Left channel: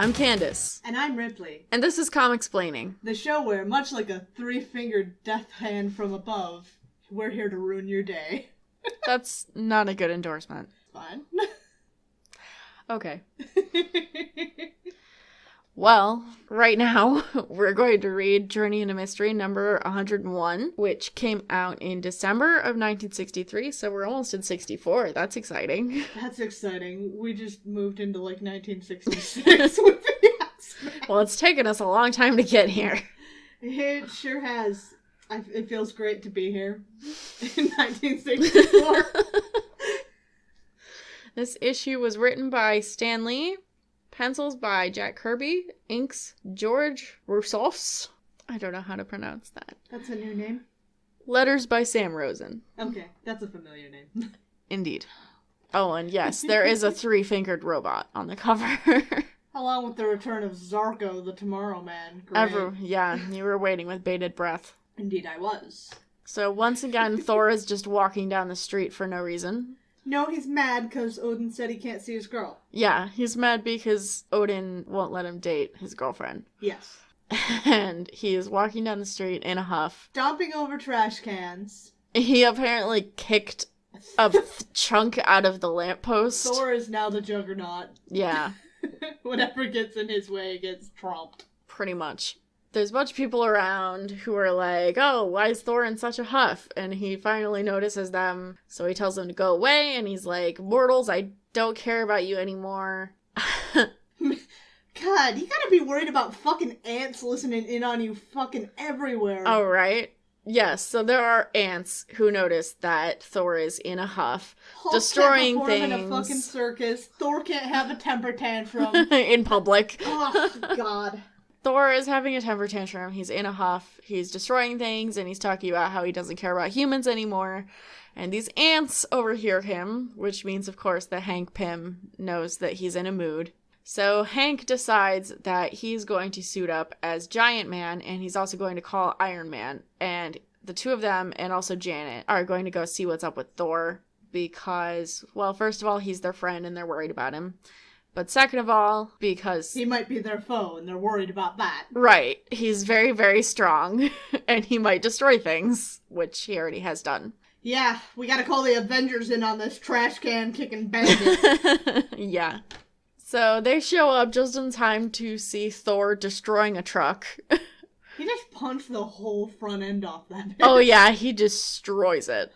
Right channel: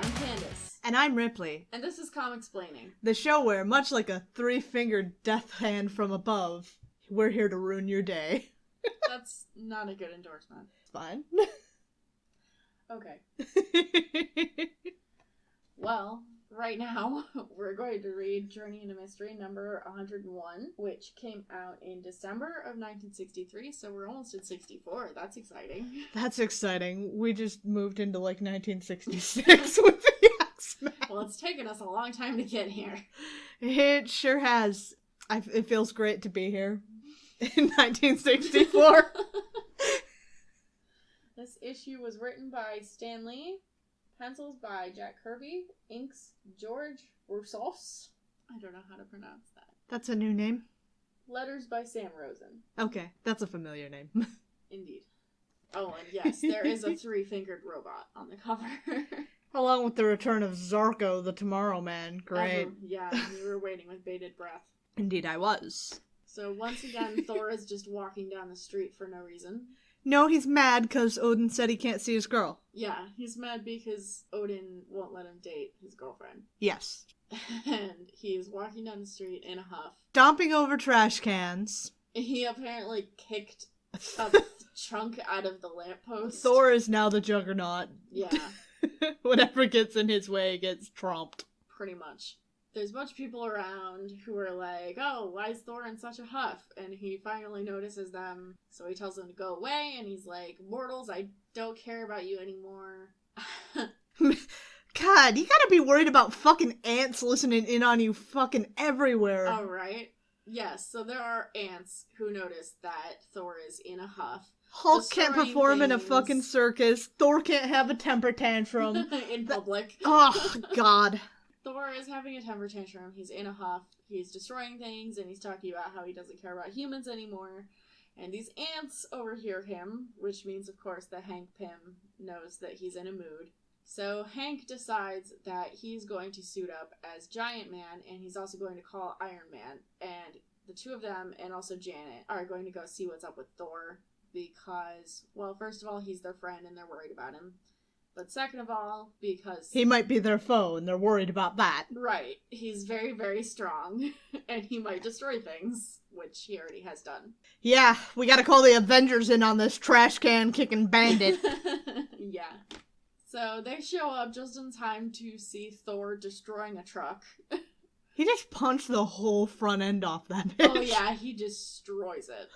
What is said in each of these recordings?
I'm Candace. And I'm Ripley. And this is Comicsplaining, the show where, much like a three-fingered death hand from above, we're here to ruin your day. That's not a good endorsement. Fine. Okay. Well, right now, we're going to read Journey into Mystery number 101, which came out in December of 1963, so we're almost in 64. That's exciting. That's exciting. We just moved into, 1966 with the X-Men. Well, it's taken us a long time to get here. It sure has. It feels great to be here in 1964. This issue was written by Stan Lee, pencils by Jack Kirby, inks George Roussos. I don't know how to pronounce that. That's a new name? Letters by Sam Rosen. Okay, that's a familiar name. Indeed. Oh, and yes, there is a three-fingered robot on the cover. Along with the return of Zarko, the Tomorrow Man. Great. Yeah, you were waiting with bated breath. Indeed I was. So once again, Thor is just walking down the street for no reason. No, he's mad because Odin said he can't see his girl. Yeah, he's mad because Odin won't let him date his girlfriend. Yes. And he is walking down the street in a huff. Stomping over trash cans. He apparently kicked a chunk out of the lamppost. Thor is now the Juggernaut. Yeah. Whatever gets in his way gets trumped. Pretty much. There's a bunch of people around who are like, oh, why is Thor in such a huff? And he finally notices them, so he tells them to go away, and he's like, mortals, I don't care about you anymore. God, you gotta be worried about fucking ants listening in on you fucking everywhere. Oh, right? Yes, so there are ants who notice that Thor is in a huff, Hulk destroying can't perform things. in a fucking circus. Thor can't have a temper tantrum. In public. Oh, God. Thor is having a temper tantrum. He's in a huff. He's destroying things, and he's talking about how he doesn't care about humans anymore. And these ants overhear him, which means, of course, that Hank Pym knows that he's in a mood. So Hank decides that he's going to suit up as Giant Man, and he's also going to call Iron Man. And the two of them, and also Janet, are going to go see what's up with Thor, because, well, first of all, he's their friend, and they're worried about him. But second of all, because... he might be their foe, and they're worried about that. Right. He's very, very strong, and he might destroy things, which he already has done. Yeah, we gotta call the Avengers in on this trash can kicking bandit. Yeah. So they show up just in time to see Thor destroying a truck. He just punched the whole front end off that bitch. Oh yeah, he destroys it.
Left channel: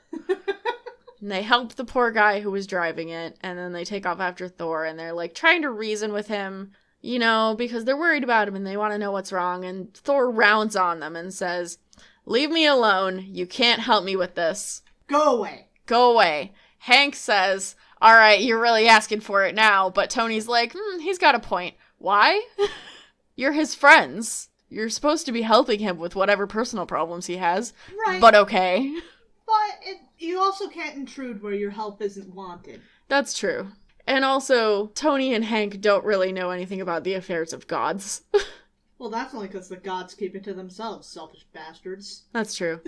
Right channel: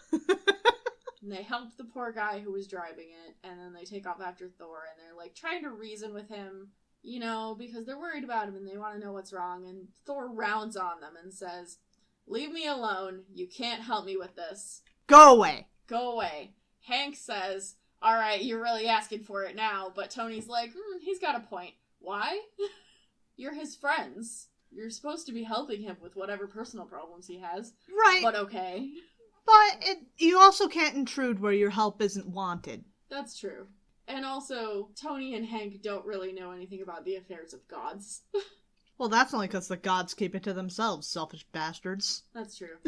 And they help the poor guy who was driving it, and then they take off after Thor, and they're, trying to reason with him, because they're worried about him, and they want to know what's wrong, and Thor rounds on them and says, leave me alone, you can't help me with this. Go away. Go away. Hank says, alright, you're really asking for it now, but Tony's like, he's got a point. Why? You're his friends. You're supposed to be helping him with whatever personal problems he has. Right. But okay. But you also can't intrude where your help isn't wanted. That's true. And also, Tony and Hank don't really know anything about the affairs of gods. Well, that's only because the gods keep it to themselves, selfish bastards. That's true.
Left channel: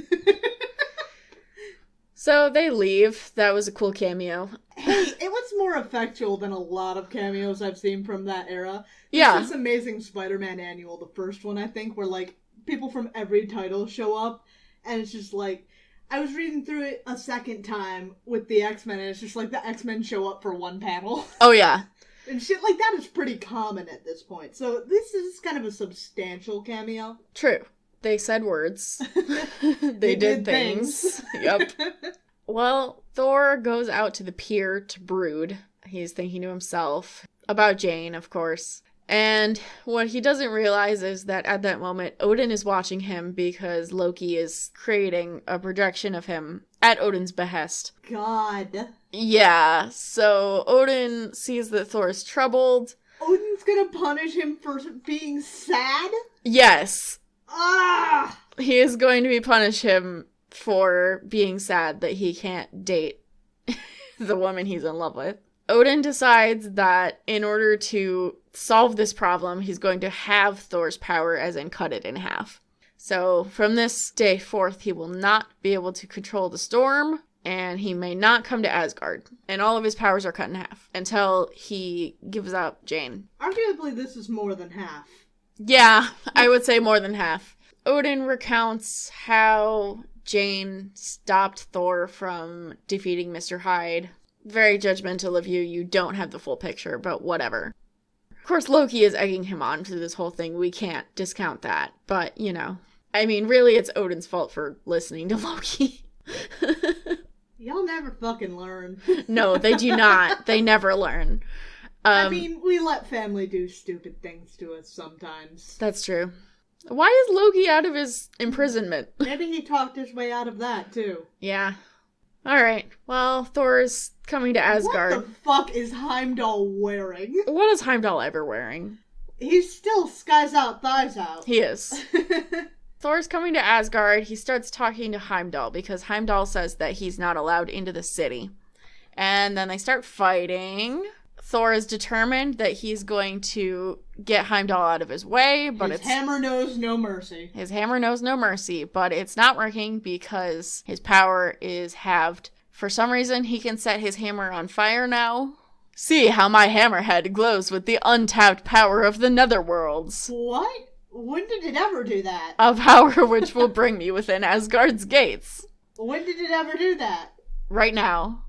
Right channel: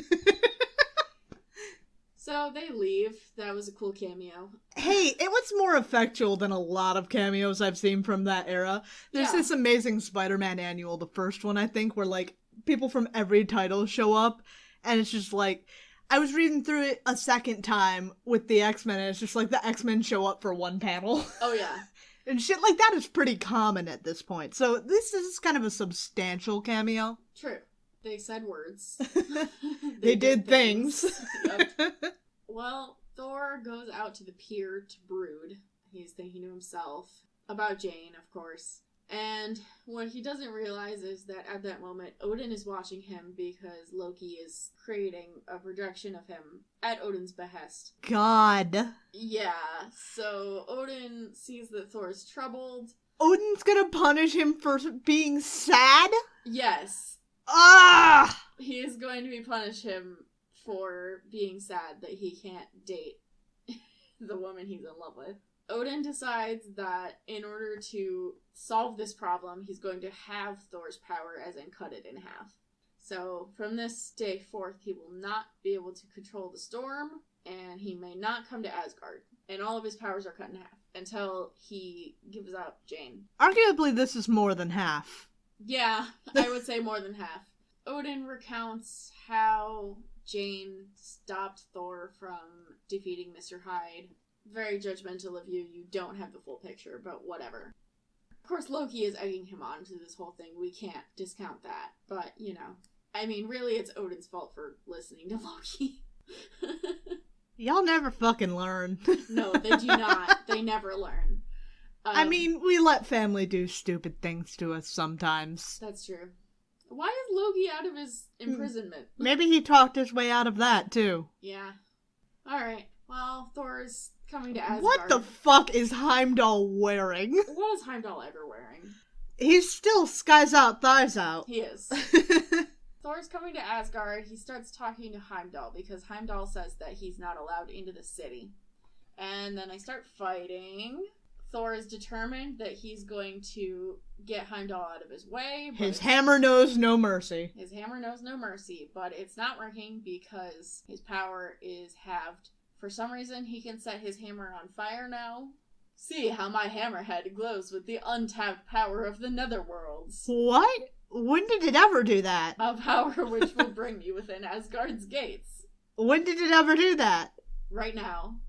So they leave. That was a cool cameo. Hey, it was more effectual than a lot of cameos I've seen from that era. Yeah. This Amazing Spider-Man annual, the first one, I think, where, people from every title show up, and it's just I was reading through it a second time with the X-Men, and it's just the X-Men show up for one panel. Oh, yeah. And shit like that is pretty common at this point. So this is kind of a substantial cameo. True. They said words. They did things. Yep. Well, Thor goes out to the pier to brood. He's thinking to himself about Jane, of course. And what he doesn't realize is that at that moment, Odin is watching him because Loki is creating a projection of him at Odin's behest. God. Yeah, so Odin sees that Thor is troubled. Odin's gonna punish him for being sad? Yes. Ah! He is going to punish him for being sad that he can't date the woman he's in love with. Odin decides that in order to solve this problem, he's going to have Thor's power, as in cut it in half. So from this day forth, he will not be able to control the storm, and he may not come to Asgard. And all of his powers are cut in half until he gives up Jane. Arguably, this is more than half. Yeah, I would say more than half. Odin recounts how Jane stopped Thor from defeating Mr. Hyde. Very judgmental of you. You don't have the full picture, but whatever. Of course, Loki is egging him on to this whole thing. We can't discount that. But, you know, I mean, really, it's Odin's fault for listening to Loki. Y'all never fucking learn. No, they do not. They never learn. I mean, we let family do stupid things to us sometimes. That's true. Why is Loki out of his imprisonment? Maybe he talked his way out of that, too. Yeah. Alright. Well, Thor's coming to Asgard. What the fuck is Heimdall wearing? What is Heimdall ever wearing? He's still skies out, thighs out. He is. Thor's coming to Asgard. He starts talking to Heimdall because Heimdall says that he's not allowed into the city. And then they start fighting. Thor is determined that he's going to get Heimdall out of his way, but his hammer knows no mercy. His hammer knows no mercy, but it's not working because his power is halved. For some reason, he can set his hammer on fire now. See how my hammerhead glows with the untapped power of the netherworlds. What? When did it ever do that? A power which will bring me within Asgard's gates. When did it ever do that? Right now.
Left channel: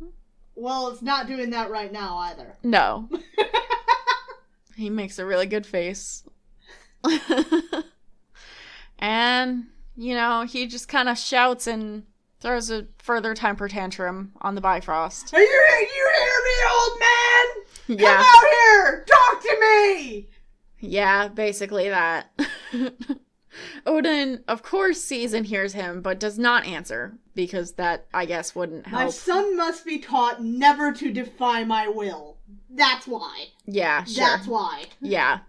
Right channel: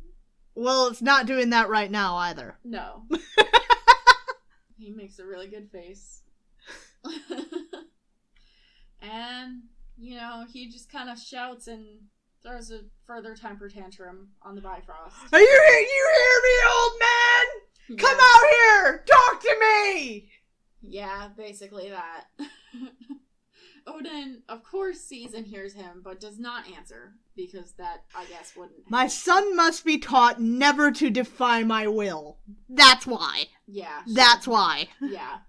Well, it's not doing that right now either. No. He makes a really good face. And, you know, he just kind of shouts and throws a further temper tantrum on the Bifrost. Are you hear me, old man? Yeah. Come out here! Talk to me! Yeah, basically that. Odin, of course, sees and hears him, but does not answer, because that, I guess, wouldn't help. My son must be taught never to defy my will. That's why. Yeah, sure. That's why. Yeah.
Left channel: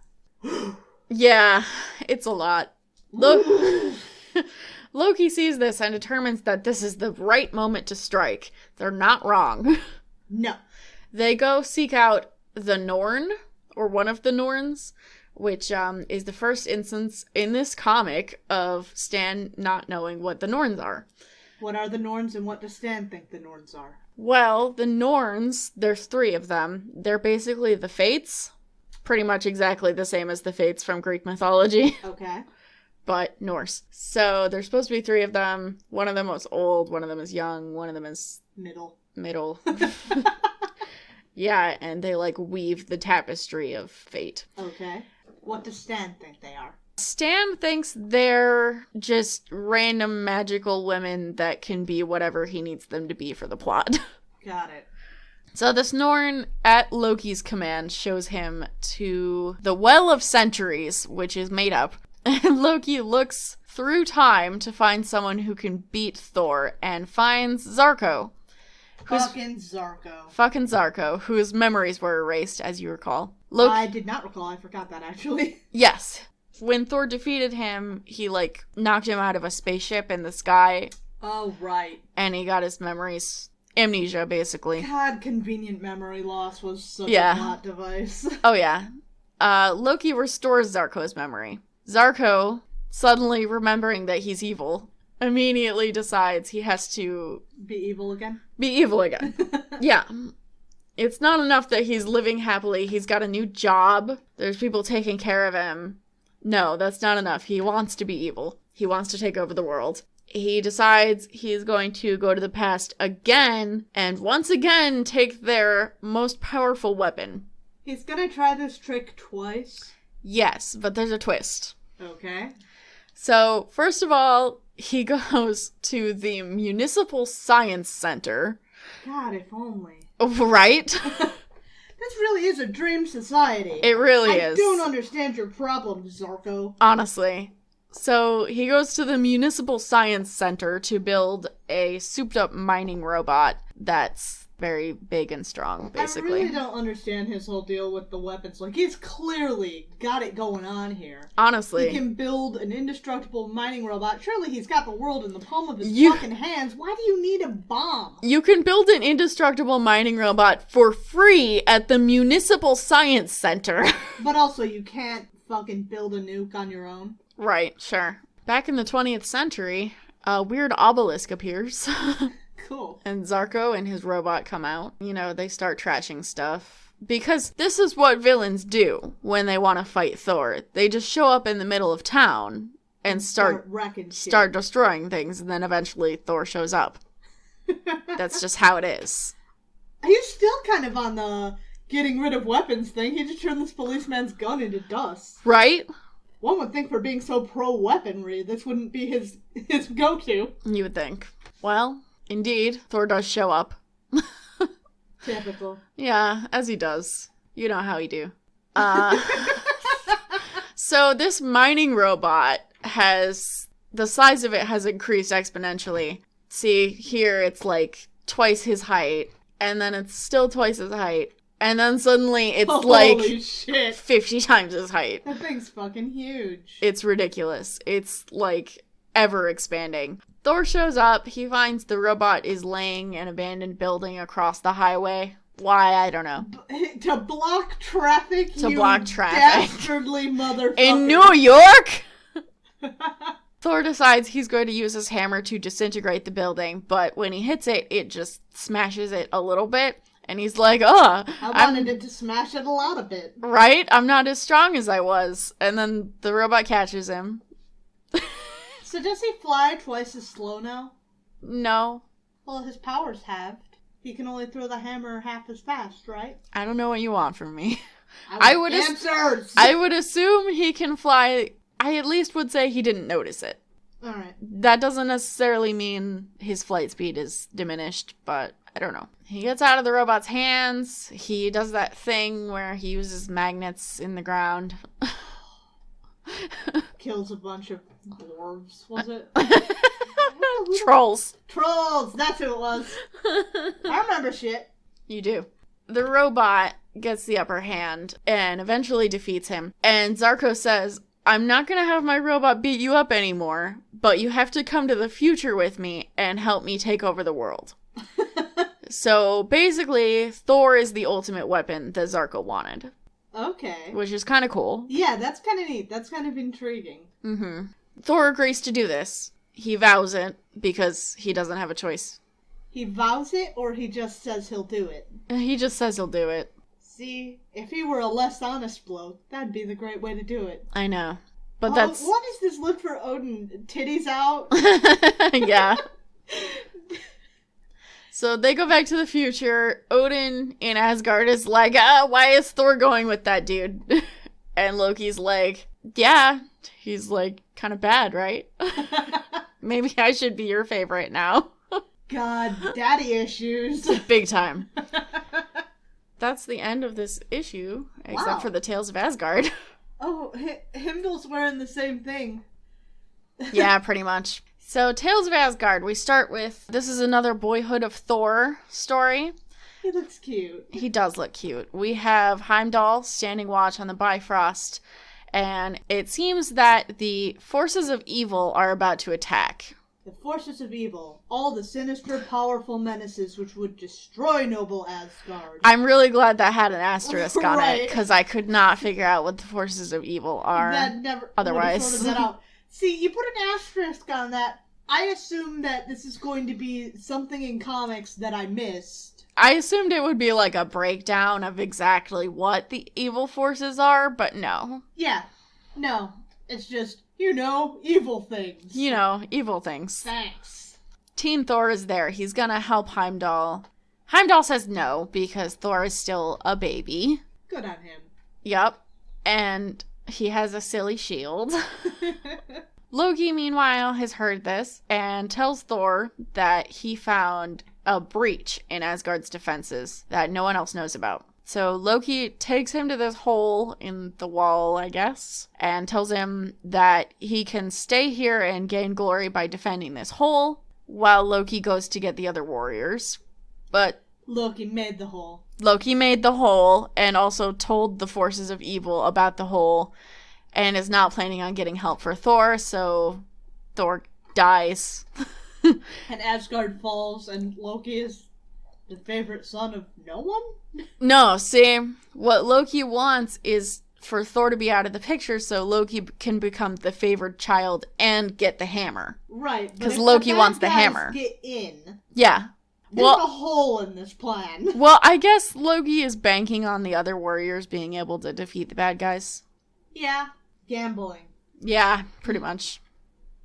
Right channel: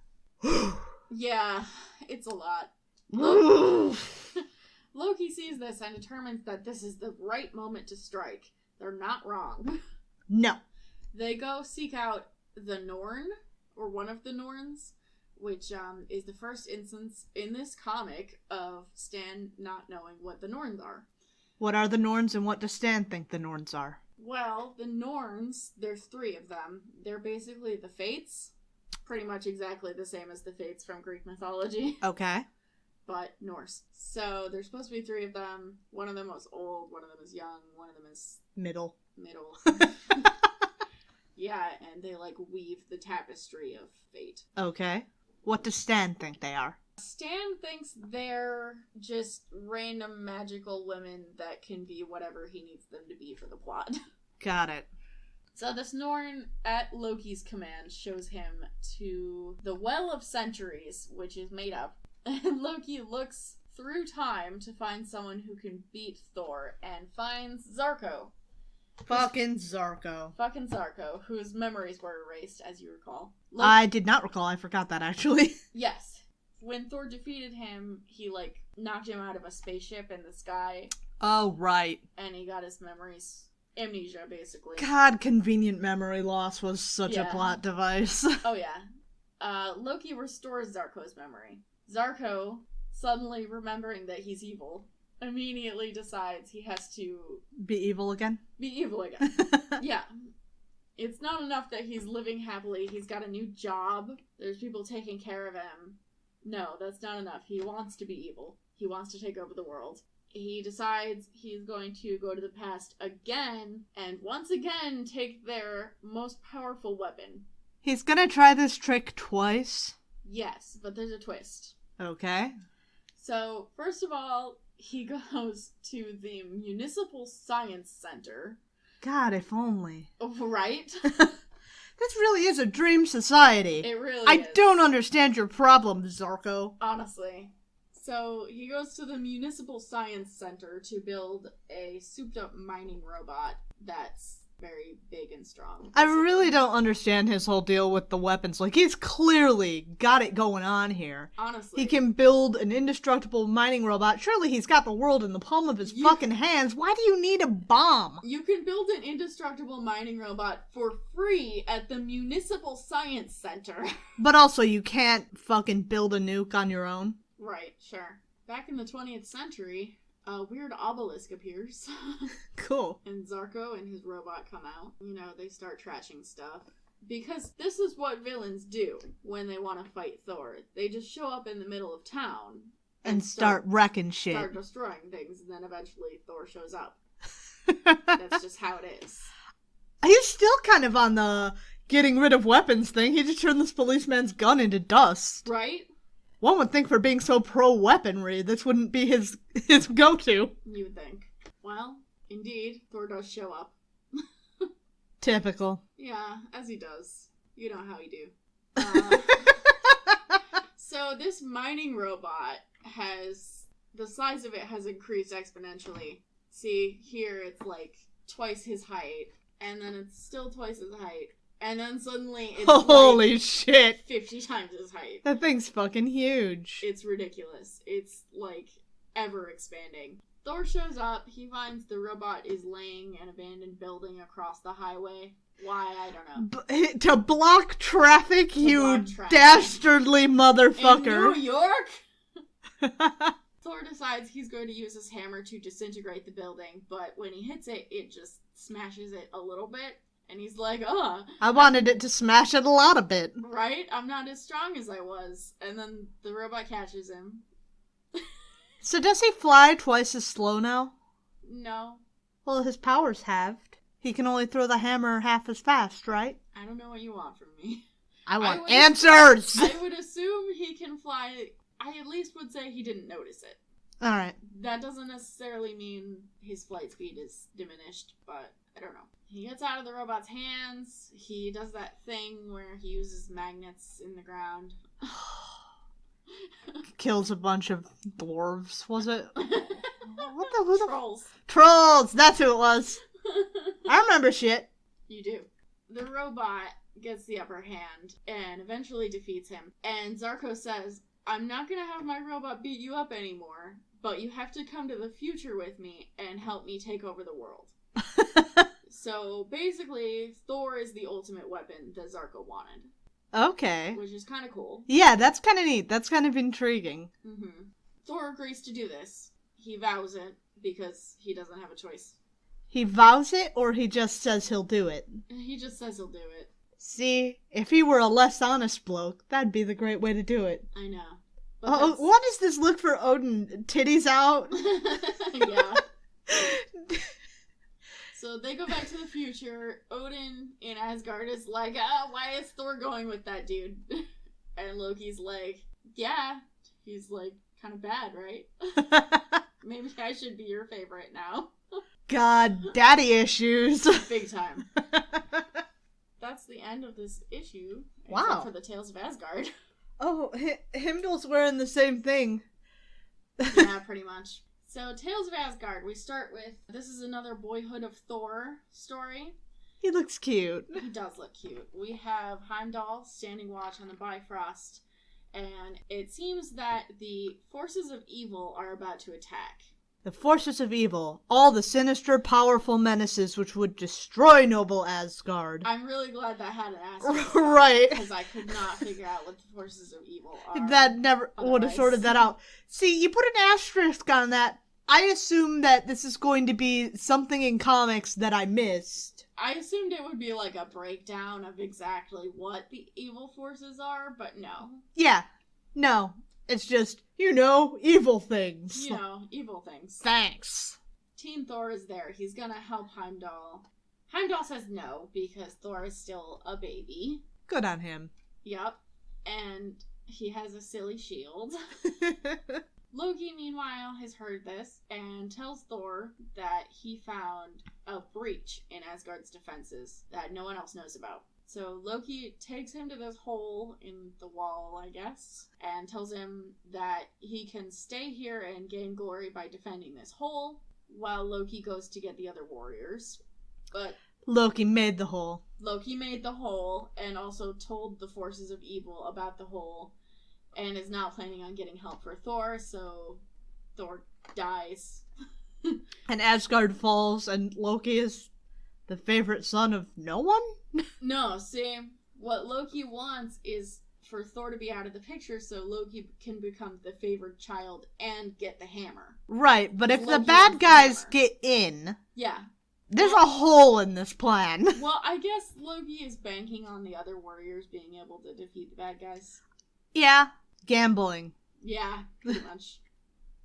Yeah, it's a lot. Loki sees this and determines that this is the right moment to strike. They're not wrong. No. They go seek out the Norn, or one of the Norns, which is the first instance in this comic of Stan not knowing what the Norns are. What are the Norns and what does Stan think the Norns are? Well, the Norns, there's 3 of them. They're basically the Fates. Pretty much exactly the same as the Fates from Greek mythology. Okay. But Norse. So there's supposed to be 3 of them. One of them was old, one of them is young, one of them is... Middle. Yeah, and they, like, weave the tapestry of fate. Okay. What does Stan think they are? Stan thinks they're just random magical women that can be whatever he needs them to be for the plot. Got it. So this Norn, at Loki's command, shows him to the Well of Centuries, which is made up. And Loki looks through time to find someone who can beat Thor, and finds Zarko. Fucking Zarko. Fucking Zarko, whose memories were erased, as you recall. I did not recall. I forgot that, actually. Yes. When Thor defeated him, he, like, knocked him out of a spaceship in the sky. Oh, right. And he got his memories. Amnesia, basically. God, convenient memory loss was such a plot device. Oh, yeah. Loki restores Zarko's memory. Zarko, suddenly remembering that he's evil, immediately decides he has to... Be evil again? Be evil again. Yeah. It's not enough that he's living happily. He's got a new job. There's people taking care of him. No, that's not enough. He wants to be evil. He wants to take over the world. He decides he's going to go to the past again and once again take their most powerful weapon. He's gonna try this trick twice? Yes, but there's a twist. Okay. So, first of all, he goes to the Municipal Science Center. God, if only. Right? This really is a dream society. It really is. I don't understand your problem, Zarko. Honestly. So he goes to the Municipal Science Center to build a souped-up mining robot that's very big and strong, basically. I really don't understand his whole deal with the weapons. Like, he's clearly got it going on here. Honestly. He can build an indestructible mining robot. Surely he's got the world in the palm of his fucking hands. Why do you need a bomb? You can build an indestructible mining robot for free at the Municipal Science Center. But also, you can't fucking build a nuke on your own. Right, sure. Back in the 20th century, a weird obelisk appears. Cool. And Zarko and his robot come out. You know, they start trashing stuff. Because this is what villains do when they want to fight Thor. They just show up in the middle of town and start wrecking shit. Start destroying things, and then eventually Thor shows up. That's just how it is. He's still kind of on the getting rid of weapons thing. He just turned this policeman's gun into dust. Right? One would think for being so pro-weaponry, this wouldn't be his go-to. You would think. Well, indeed, Thor does show up. Typical. Yeah, as he does. You know how he do. So this mining robot the size of it has increased exponentially. See, here it's like twice his height, and then it's still twice his height, and then suddenly it's Holy shit. 50 times his height. That thing's fucking huge. It's ridiculous. It's like ever expanding. Thor shows up. He finds the robot is laying an abandoned building across the highway. Why? I don't know. To block traffic, dastardly motherfucker. In New York? Thor decides he's going to use his hammer to disintegrate the building, but when he hits it, it just smashes it a little bit, and he's like, I wanted it to smash it a lot a bit. Right? I'm not as strong as I was. And then the robot catches him. So does he fly twice as slow now? No. Well, his power's halved. He can only throw the hammer half as fast, right? I don't know what you want from me. I want answers! I would assume he can fly. I at least would say he didn't notice it. Alright. That doesn't necessarily mean his flight speed is diminished, but I don't know. He gets out of the robot's hands. He does that thing where he uses magnets in the ground. Kills a bunch of dwarves, was it? Trolls. Trolls! That's who it was. I remember shit. You do. The robot gets the upper hand and eventually defeats him. And Zarko says, I'm not going to have my robot beat you up anymore, but you have to come to the future with me and help me take over the world. So basically, Thor is the ultimate weapon that Zarko wanted. Okay. Which is kind of cool. Yeah, that's kind of neat. That's kind of intriguing. Mm-hmm. Thor agrees to do this. He vows it because he doesn't have a choice. He vows it, or he just says he'll do it? He just says he'll do it. See, if he were a less honest bloke, that'd be the great way to do it. I know. But that's... What is this look for Odin? Titties out? Yeah. So they go back to the future. Odin in Asgard is like, why is Thor going with that dude? And Loki's like, yeah. He's like, kind of bad, right? Maybe I should be your favorite now. God, daddy issues. Big time. That's the end of this issue, except for the Tales of Asgard. Oh, Heimdall's wearing the same thing. Yeah, pretty much. So, Tales of Asgard, we start with, this is another Boyhood of Thor story. He looks cute. He does look cute. We have Heimdall standing watch on the Bifrost, and it seems that the forces of evil are about to attack. The forces of evil, all the sinister, powerful menaces which would destroy noble Asgard. I'm really glad that had an asterisk on right. it, because I could not figure out what the forces of evil are. That never would have sorted that out. See, you put an asterisk on that. I assume that this is going to be something in comics that I missed. I assumed it would be like a breakdown of exactly what the evil forces are, but no. Yeah. No. It's just, evil things. Evil things. Thanks. Teen Thor is there. He's gonna help Heimdall. Heimdall says no, because Thor is still a baby. Good on him. Yep. And he has a silly shield. Loki, meanwhile, has heard this and tells Thor that he found a breach in Asgard's defenses that no one else knows about. So Loki takes him to this hole in the wall, I guess, and tells him that he can stay here and gain glory by defending this hole while Loki goes to get the other warriors. But Loki made the hole. Loki made the hole and also told the forces of evil about the hole and is not planning on getting help for Thor, so Thor dies. And Asgard falls, and Loki is the favorite son of no one? No, see, what Loki wants is for Thor to be out of the picture so Loki can become the favored child and get the hammer. Right, but if Loki the bad wants the guys hammer. get in, Yeah. there's a hole in this plan. Well, I guess Loki is banking on the other warriors being able to defeat the bad guys. Yeah, gambling. Yeah, pretty much.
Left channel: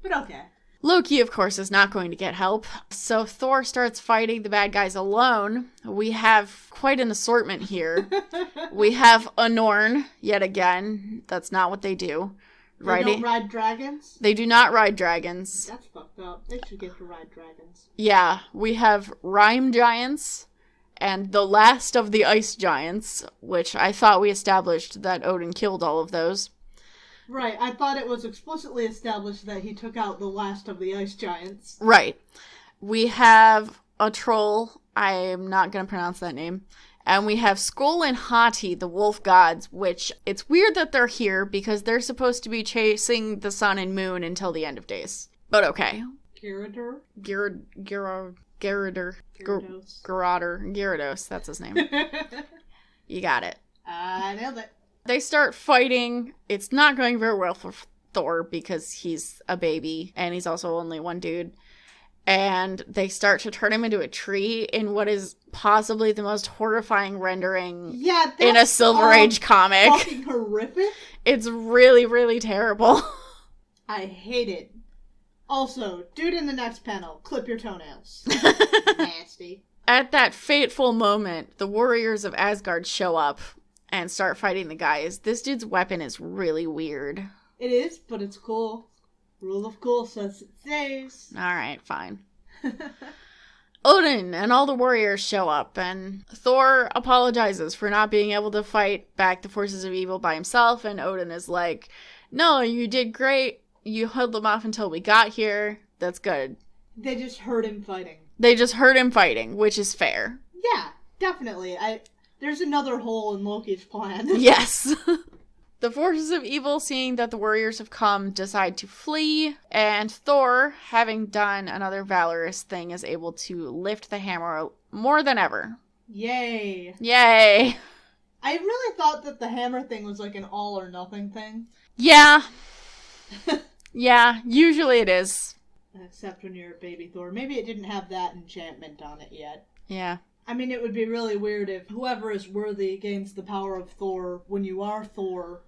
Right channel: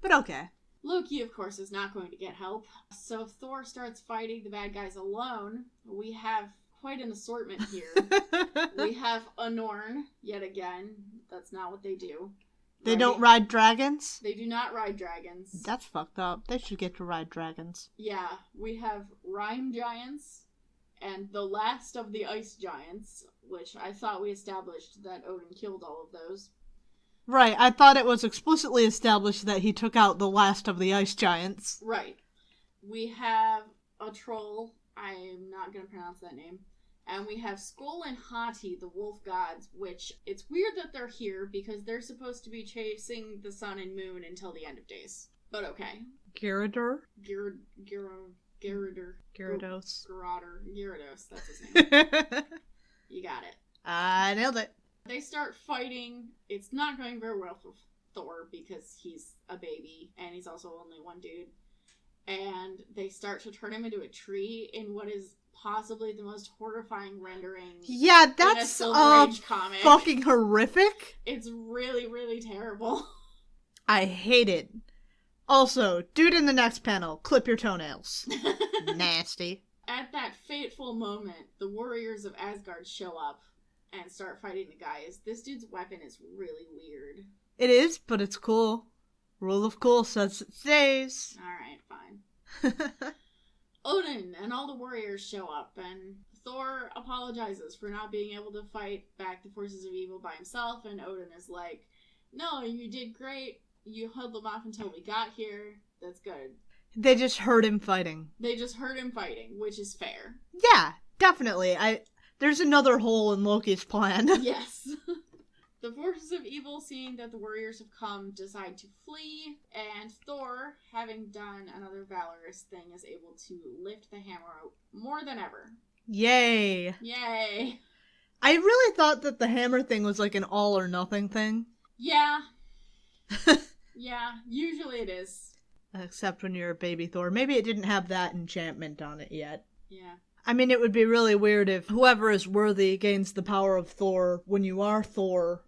But okay. Loki, of course, is not going to get help, so Thor starts fighting the bad guys alone. We have quite an assortment here. We have a Norn, yet again. That's not what they do. They don't ride dragons? They do not ride dragons. That's fucked up. They should get to ride dragons. Yeah, we have Rime Giants and the last of the Ice Giants, which I thought we established that Odin killed all of those. Right, I thought it was explicitly established that he took out the last of the ice giants. Right. We have a troll, I am not going to pronounce that name, and we have Skoll and Hati, the wolf gods, which it's weird that they're here because they're supposed to be chasing the sun and moon until the end of days. But okay. Gyarados? Gyarados, that's his name. You got it. I nailed it. They start fighting. It's not going very well for Thor because he's a baby and he's also only one dude. And they start to turn him into a tree in what is possibly the most horrifying rendering in a Silver Age comic. Fucking horrific. It's really, really terrible. I hate it. Also, dude in the next panel, clip your toenails. Nasty. At that fateful moment, the warriors of Asgard show up and start fighting the guys. This dude's weapon is really weird. It is, but it's cool. Rule of cool says it stays. Alright, fine. Odin and all the warriors show up, and Thor apologizes for not being able to fight back the forces of evil by himself, and Odin is like, no, you did great. You held them off until we got here. That's good. They just heard him fighting. Which is fair. Yeah, definitely. There's another hole in Loki's plan. Yes. The forces of evil, seeing that the warriors have come, decide to flee, and Thor, having done another valorous thing, is able to lift the hammer more than ever. Yay. Yay. I really thought that the hammer thing was like an all or nothing thing. Yeah. Yeah, usually it is. Except when you're a baby Thor. Maybe it didn't have that enchantment on it yet. Yeah. I mean, it would be really weird if whoever is worthy gains the power of Thor when you are Thor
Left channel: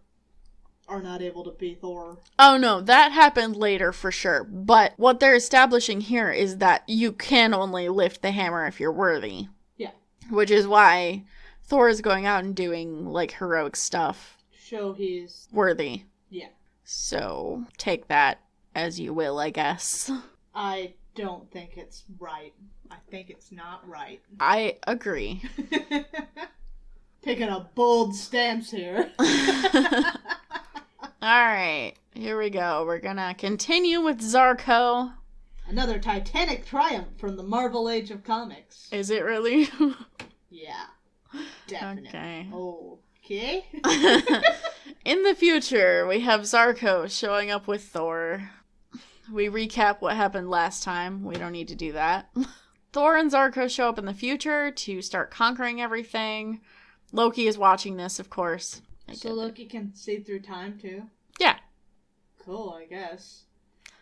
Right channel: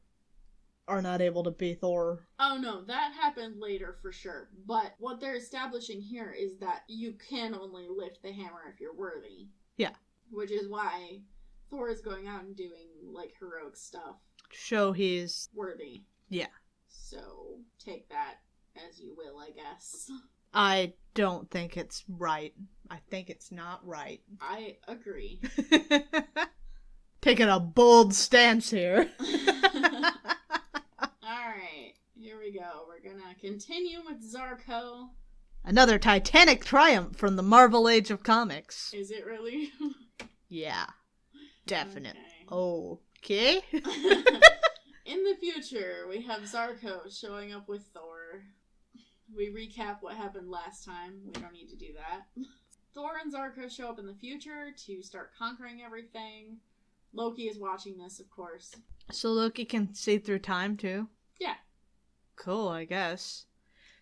are not able to be Thor. Oh no, that happened later for sure. But what they're establishing here is that you can only lift the hammer if you're worthy. Yeah. Which is why Thor is going out and doing, like, heroic stuff. Show he's worthy. Yeah. So, take that as you will, I guess. I don't think it's right. I think it's not right. I agree. Taking a bold stance here. Alright, here we go. We're gonna continue with Zarko. Another titanic triumph from the Marvel Age of Comics. Is it really? Yeah. Definitely. Okay. Okay. In the future, we have Zarko showing up with Thor. We recap what happened last time. We don't need to do that. Thor and Zarko show up in the future to start conquering everything. Loki is watching this, of course. So Loki can see through time, too? Yeah. Cool, I guess.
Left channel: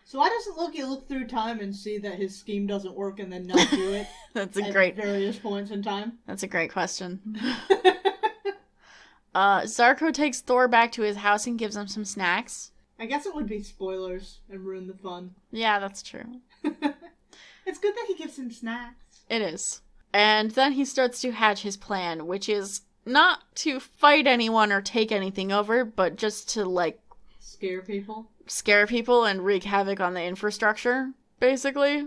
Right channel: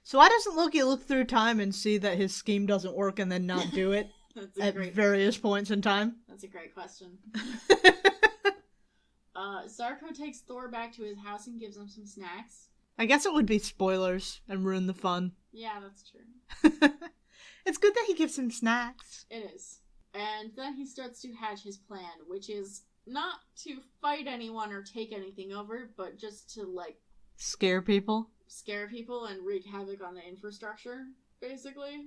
So why doesn't Loki look through time and see that his scheme doesn't work and then not do it? That's a at great... various points in time? That's a great question. Zarko takes Thor back to his house and gives him some snacks. I guess it would be spoilers and ruin the fun. Yeah, that's true. It's good that he gives him snacks. It is. And then he starts to hatch his plan, which is not to fight anyone or take anything over, but just to, like... Scare people and wreak havoc on the infrastructure, basically.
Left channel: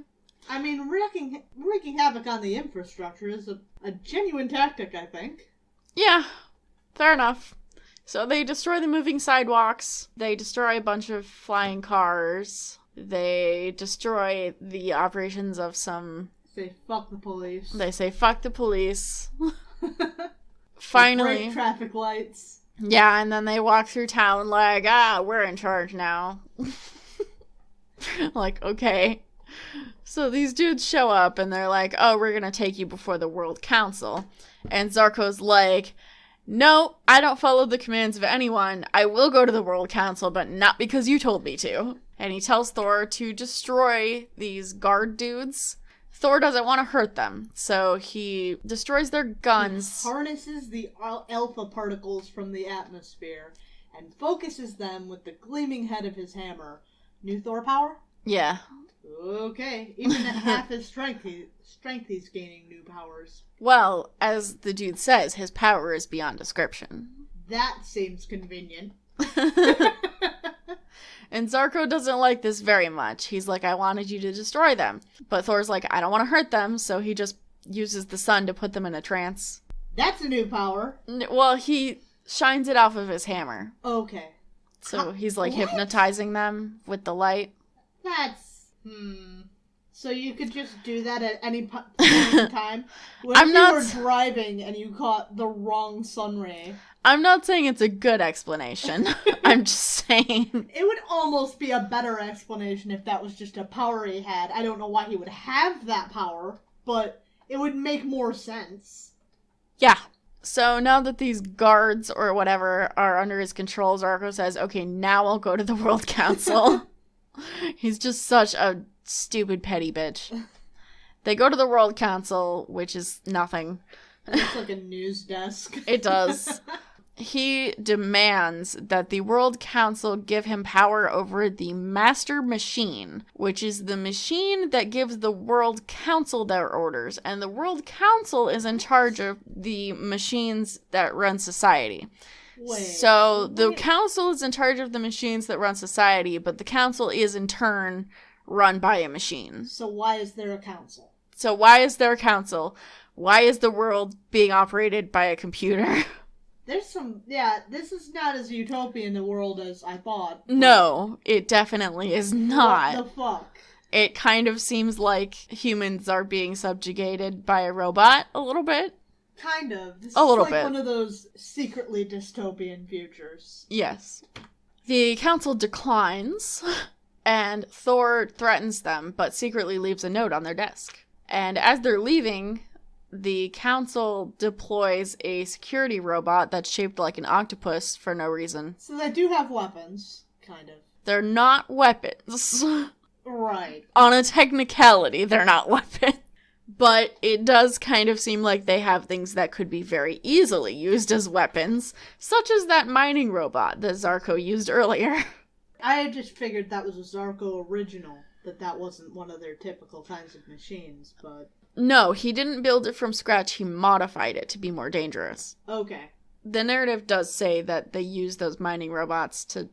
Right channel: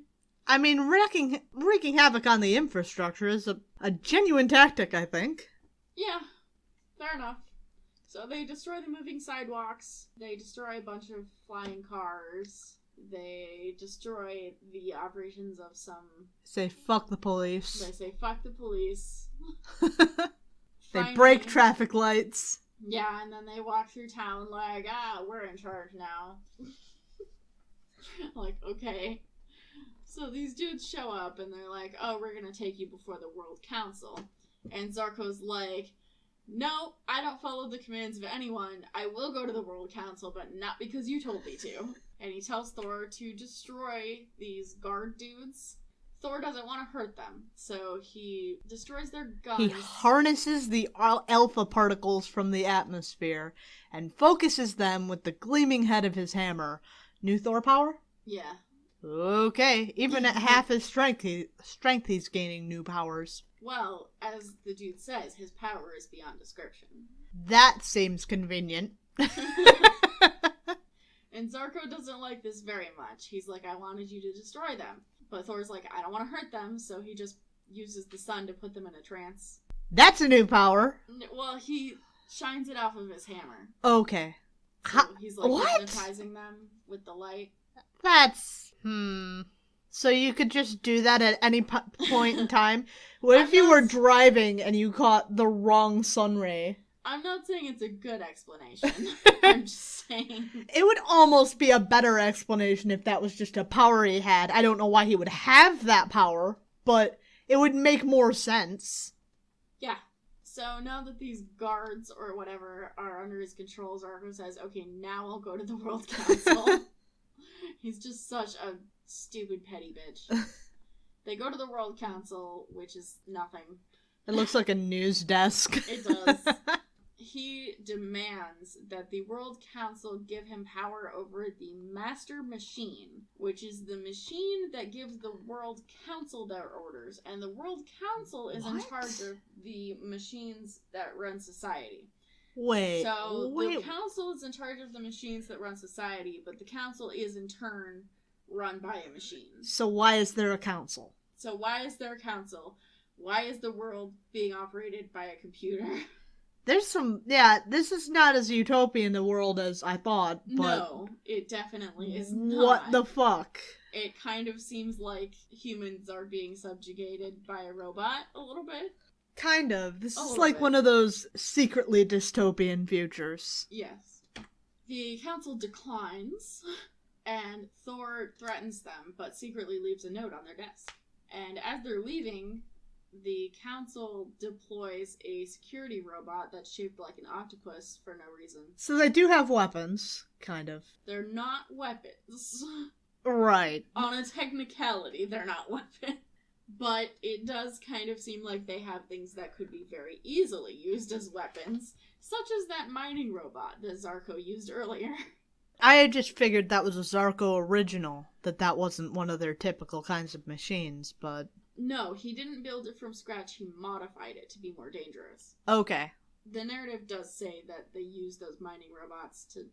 I mean, wreaking havoc on the infrastructure is a genuine tactic, I think. Yeah, fair enough. So they destroy the moving sidewalks, they destroy a bunch of flying cars, they destroy the operations of some... Say fuck the police. They say fuck the police. Finally. Break traffic lights. Yeah, and then they walk through town like, we're in charge now. Like, okay. So these dudes show up and they're like, oh, we're gonna take you before the World Council. And Zarko's like, no, I don't follow the commands of anyone. I will go to the World Council, but not because you told me to. And he tells Thor to destroy these guard dudes. Thor doesn't want to hurt them, so he destroys their guns. He harnesses the alpha particles from the atmosphere and focuses them with the gleaming head of his hammer. New Thor power? Yeah. Okay, even at half his strength, he's gaining new powers. Well, as the dude says, his power is beyond description. That seems convenient. And Zarko doesn't like this very much. He's like, I wanted you to destroy them. But Thor's like, I don't want to hurt them, so he just uses the sun to put them in a trance. That's a new power. Well, he shines it off of his hammer. Okay. So he's like hypnotizing them with the light. That's... So you could just do that at any point in time? What if you were driving and you caught the wrong sun ray? I'm not saying it's a good explanation. I'm just saying... It would almost be a better explanation if that was just a power he had. I don't know why he would have that power, but it would make more sense. Yeah. So now that these guards or whatever are under his control, Zarko says, okay, now I'll go to the World Council. He's just such a stupid petty bitch. They go to the World Council, which is nothing. It looks like a news desk. It does. He demands that the World Council give him power over the Master Machine, which is the machine that gives the World Council their orders. And the World Council is in charge of the machines that run society. So the council is in charge of the machines that run society, but the council is in turn run by a machine. So why is there a council? Why is the world being operated by a computer? There's some, this is not as utopian a world as I thought. No, it definitely is not. What the fuck? It kind of seems like humans are being subjugated by a robot a little bit. Kind of. This is like one of those secretly dystopian futures. Yes. The council declines, and Thor threatens them, but secretly leaves a note on their desk. And as they're leaving, the council deploys a security robot that's shaped like an octopus for no reason. So they do have weapons, kind of. They're not weapons. Right. On a technicality, they're not weapons. But it does kind of seem like they have things that could be very easily used as weapons, such as that mining robot that Zarko used earlier. I had just figured that was a Zarko original, that wasn't one of their typical kinds of machines, but... No, he didn't build it from scratch, he modified it to be more dangerous. Okay. The narrative does say that they use those mining robots to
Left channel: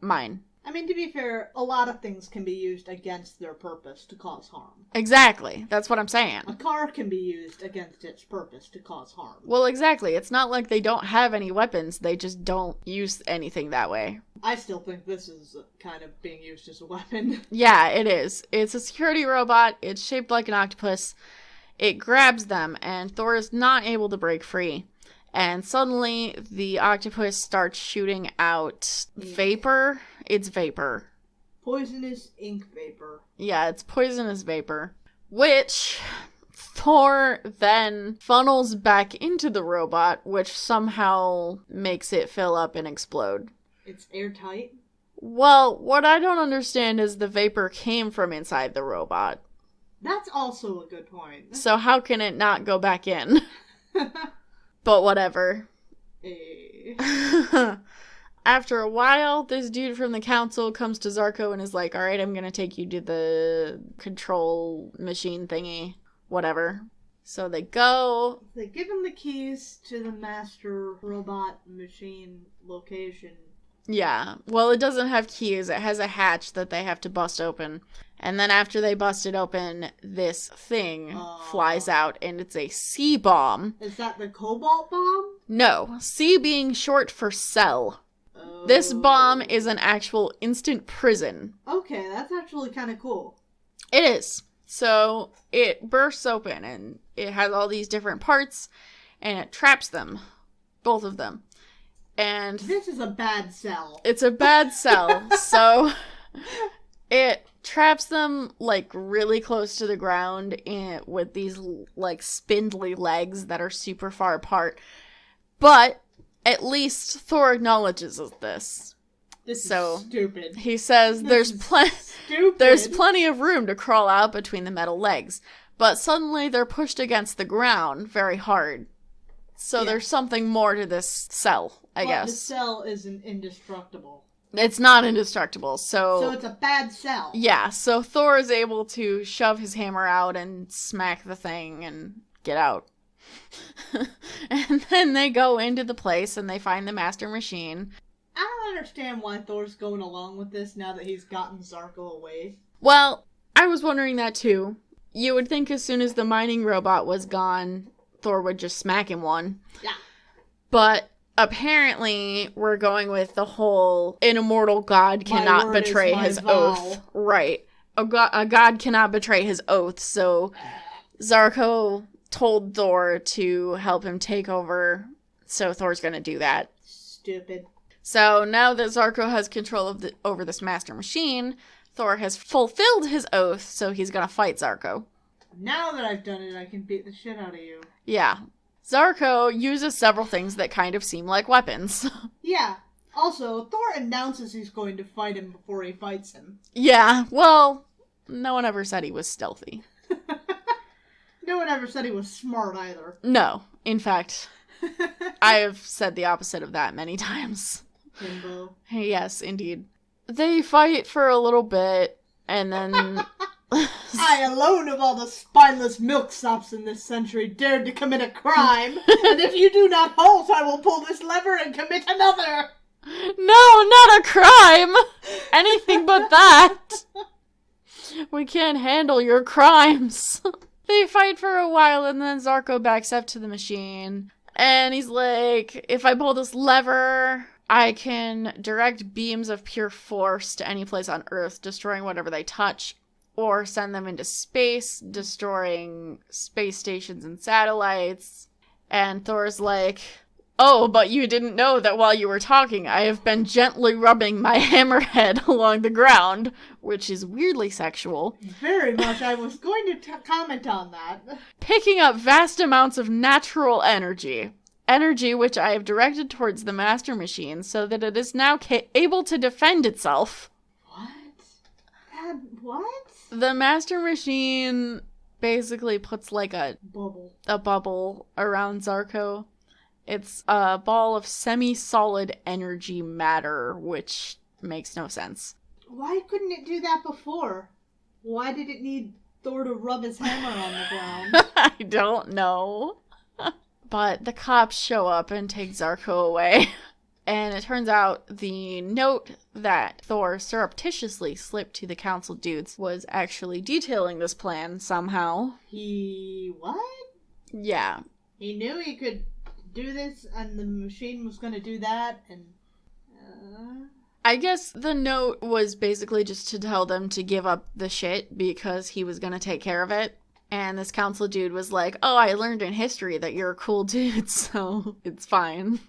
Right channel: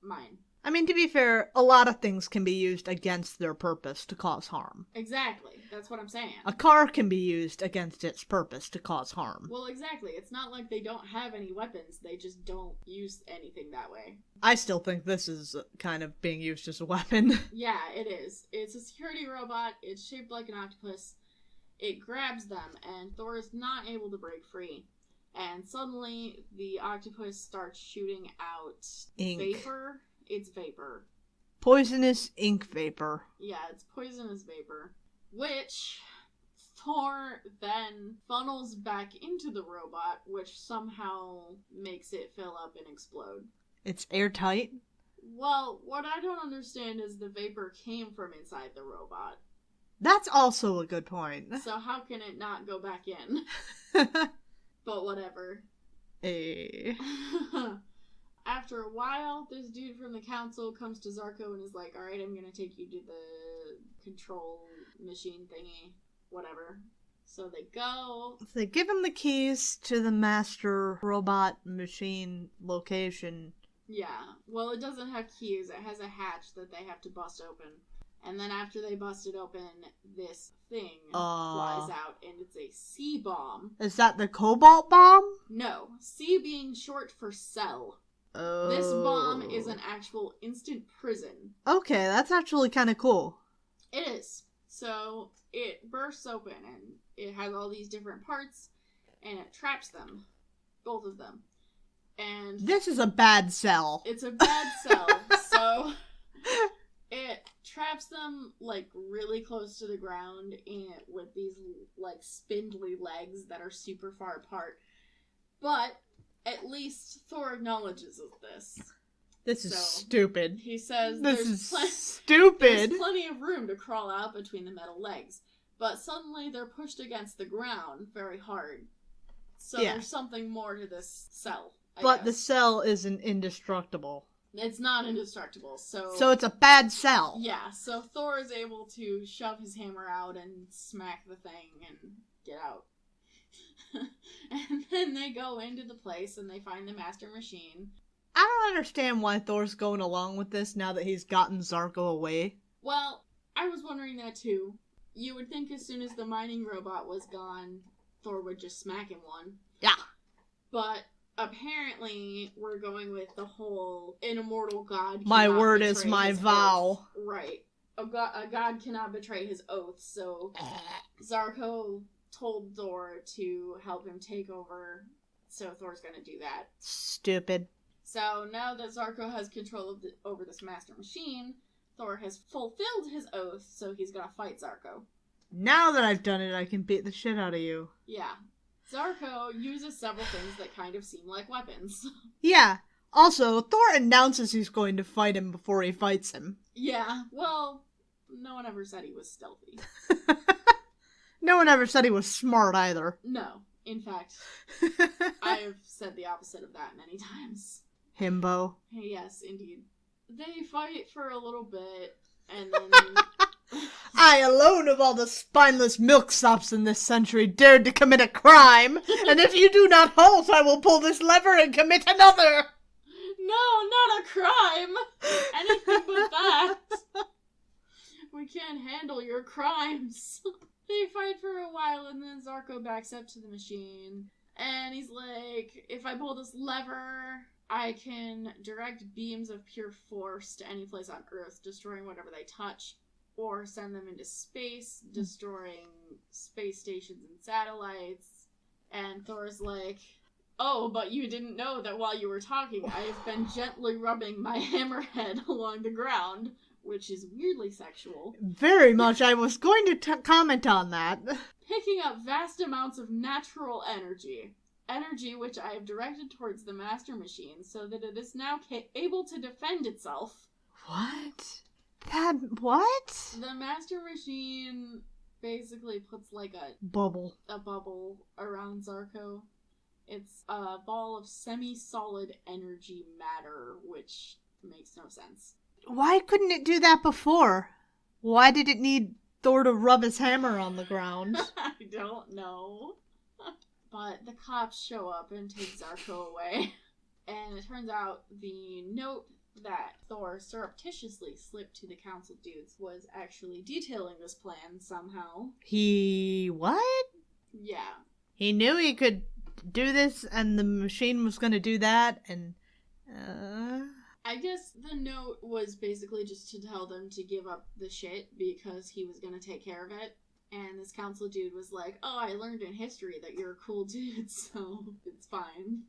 mine. I mean, to be fair, a lot of things can be used against their purpose to cause harm. Exactly. That's what I'm saying. A car can be used against its purpose to cause harm. Well, exactly. It's not like they don't have any weapons. They just don't use anything that way. I still think this is kind of being used as a weapon. Yeah, it is. It's a security robot. It's shaped like an octopus. It grabs them, and Thor is not able to break free. And suddenly, the octopus starts shooting out vapor. It's vapor. Poisonous ink vapor. Yeah, it's poisonous vapor. Which Thor then funnels back into the robot, which somehow makes it fill up and explode. It's airtight? Well, what I don't understand is the vapor came from inside the robot. That's also a good point. So how can it not go back in? But whatever. After a while, this dude from the council comes to Zarko and is like, alright, I'm gonna take you to the control machine thingy. Whatever. So they go. They give him the keys to the master robot machine location. Yeah. Well, it doesn't have keys. It has a hatch that they have to bust open. And then after they bust it open, this thing flies out, and it's a C bomb. Is that the cobalt bomb? No. C being short for cell. Oh. This bomb is an actual instant prison. Okay, that's actually kind of cool. It is. So it bursts open, and it has all these different parts, and it traps them. Both of them. And this is a bad cell. It's a bad cell. So it traps them, like, really close to the ground with these, like, spindly legs that are super far apart. But At least Thor acknowledges this. This is stupid. He says there's plenty of room to crawl out between the metal legs, but suddenly they're pushed against the ground very hard. So there's something more to this cell, I guess. But the cell isn't indestructible. It's not indestructible, So it's a bad cell. Yeah, so Thor is able to shove his hammer out and smack the thing and get out. And then they go into the place and they find the master machine. I don't understand why Thor's going along with this now that he's gotten Zarko away. Well, I was wondering that too. You would think as soon as the mining robot was gone, Thor would just smack him one. Yeah. But apparently we're going with the whole an immortal god cannot betray his oath. Right. A god cannot betray his oath, so Zarko told Thor to help him take over, so Thor's gonna do that. Stupid. So now that Zarko has control of over this master machine, Thor has fulfilled his oath, so he's gonna fight Zarko. Now that I've done it, I can beat the shit out of you. Yeah. Zarko uses several things that kind of seem like weapons. Yeah. Also, Thor announces he's going to fight him before he fights him. Yeah, well, no one ever said he was stealthy. No one ever said he was smart either. No. In fact, I have said the opposite of that many times. Himbo. Yes, indeed. They fight for a little bit, and then... I alone of all the spineless milksops in this century dared to commit a crime, and if you do not halt, I will pull this lever and commit another! No, not a crime! Anything but that! We can't handle your crimes. They fight for a while, and then Zarko backs up to the machine, and he's like, if I pull this lever, I can direct beams of pure force to any place on Earth, destroying whatever they touch, or send them into space, destroying space stations and satellites. And Thor's like, oh, but you didn't know that while you were talking, I have been gently rubbing my hammerhead along the ground, which is weirdly sexual. Very much. I was going to comment on that. Picking up vast amounts of natural energy. Energy which I have directed towards the master machine so that it is now able to defend itself. What? What? The master machine basically puts like a bubble around Zarko. It's a ball of semi-solid energy matter, which makes no sense. Why couldn't it do that before? Why did it need Thor to rub his hammer on the ground? I don't know. But the cops show up and take Zarko away. And it turns out the note that Thor surreptitiously slipped to the council dudes was actually detailing this plan somehow. He... what? Yeah. He knew he could do this and the machine was going to do that and... I guess the note was basically just to tell them to give up the shit because he was going to take care of it. And this council dude was like, oh, I learned in history that you're a cool dude, so it's fine.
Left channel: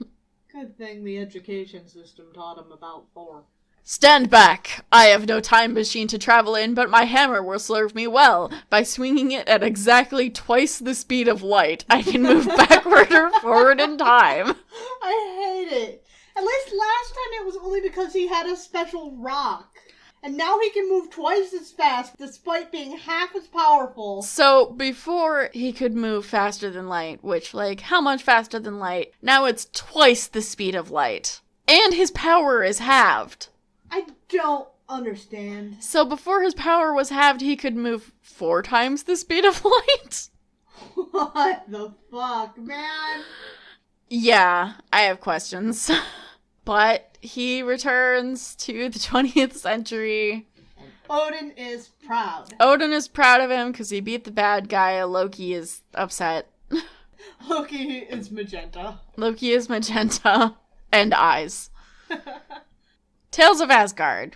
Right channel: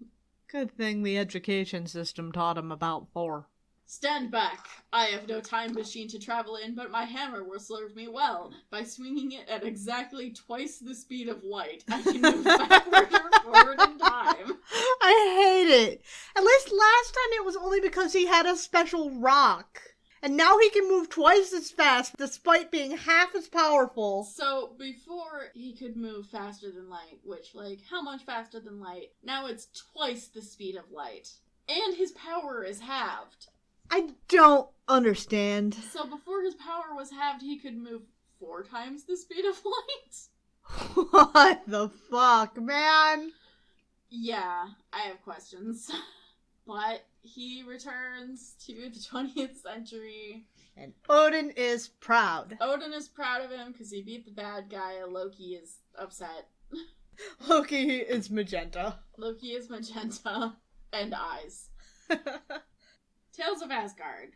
Good thing the education system taught him about Thor. Stand back! I have no time machine to travel in, but my hammer will serve me well. By swinging it at exactly twice the speed of light, I can move backward or forward in time. I hate it. At least last time it was only because he had a special rock. And now he can move twice as fast, despite being half as powerful. So, before he could move faster than light, which, like, how much faster than light? Now it's twice the speed of light. And his power is halved. I don't understand. So, before his power was halved, he could move 4 times the speed of light? What the fuck, man? Yeah, I have questions. But he returns to the 20th century. And Odin is proud. Odin is proud of him because he beat the bad guy. Loki is upset. Loki is magenta. Loki is magenta. And eyes. Tales of Asgard.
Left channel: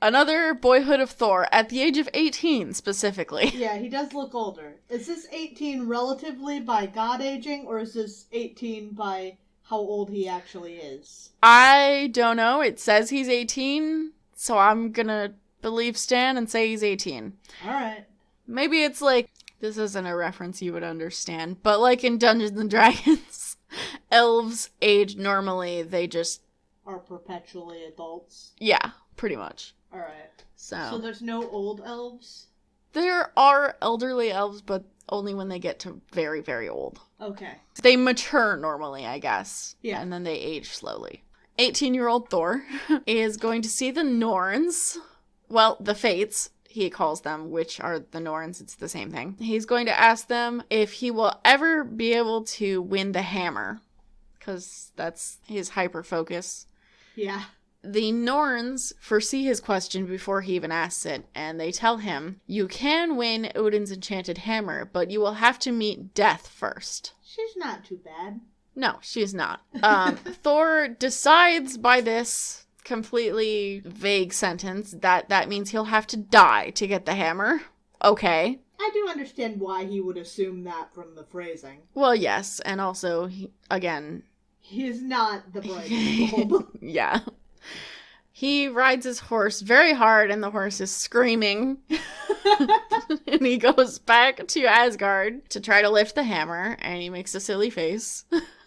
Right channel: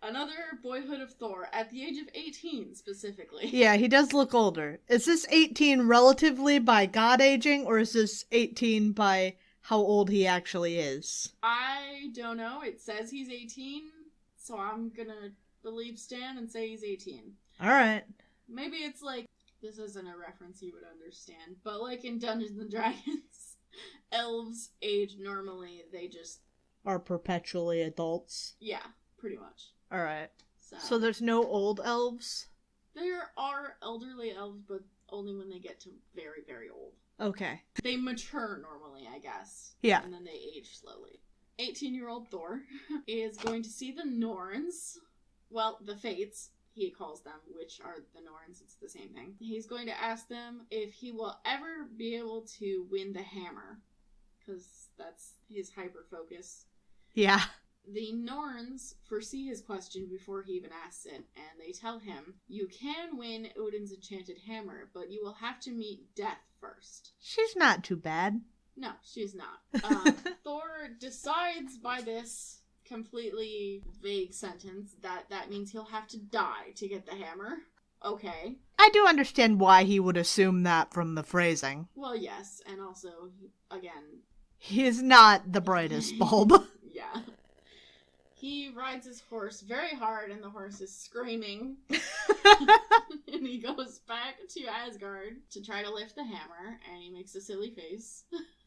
Another boyhood of Thor at the age of 18, specifically. Yeah, he does look older. Is this 18 relatively by God aging, or is this 18 by... how old he actually is? I don't know. It says he's 18, so I'm gonna believe Stan and say he's 18. Alright. Maybe it's like, this isn't a reference you would understand, but like in Dungeons & Dragons, elves age normally. They just... Are perpetually adults. Yeah, pretty much. Alright. So there's no old elves? there are elderly elves, but only when they get to very, very old. Okay. They mature normally, I guess. Yeah. And then they age slowly. 18-year-old Thor is going to see the Norns. Well, the Fates, he calls them, which are the Norns. It's the same thing. He's going to ask them if he will ever be able to win the hammer, because that's his hyper-focus. Yeah. The Norns foresee his question before he even asks it, and they tell him, you can win Odin's enchanted hammer, but you will have to meet death first. She's not too bad. No, she's not. Thor decides by this completely vague sentence that means he'll have to die to get the hammer. Okay. I do understand why he would assume that from the phrasing. Well, yes, and also, again... He is not the brightest bulb. Yeah. He rides his horse very hard, and the horse is screaming. And he goes back to Asgard to try to lift the hammer, and he makes a silly face.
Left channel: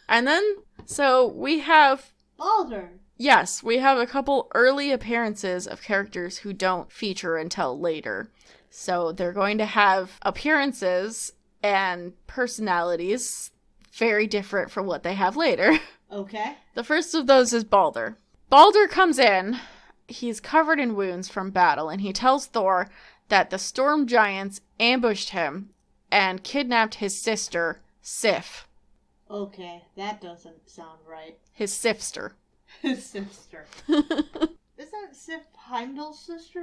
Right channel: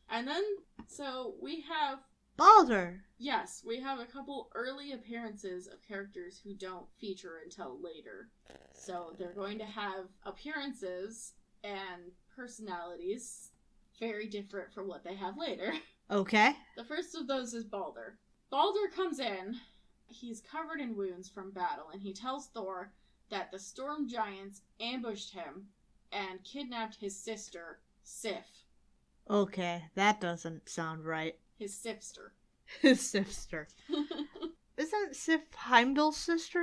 And then, so we have... Baldur. Yes, we have a couple early appearances of characters who don't feature until later. So they're going to have appearances and personalities very different from what they have later. Okay. The first of those is Baldur. Baldur comes in, he's covered in wounds from battle, and he tells Thor that the storm giants ambushed him and kidnapped his sister, Sif. Okay, that doesn't sound right. His Sifster. His sister. Isn't Sif Heimdall's sister?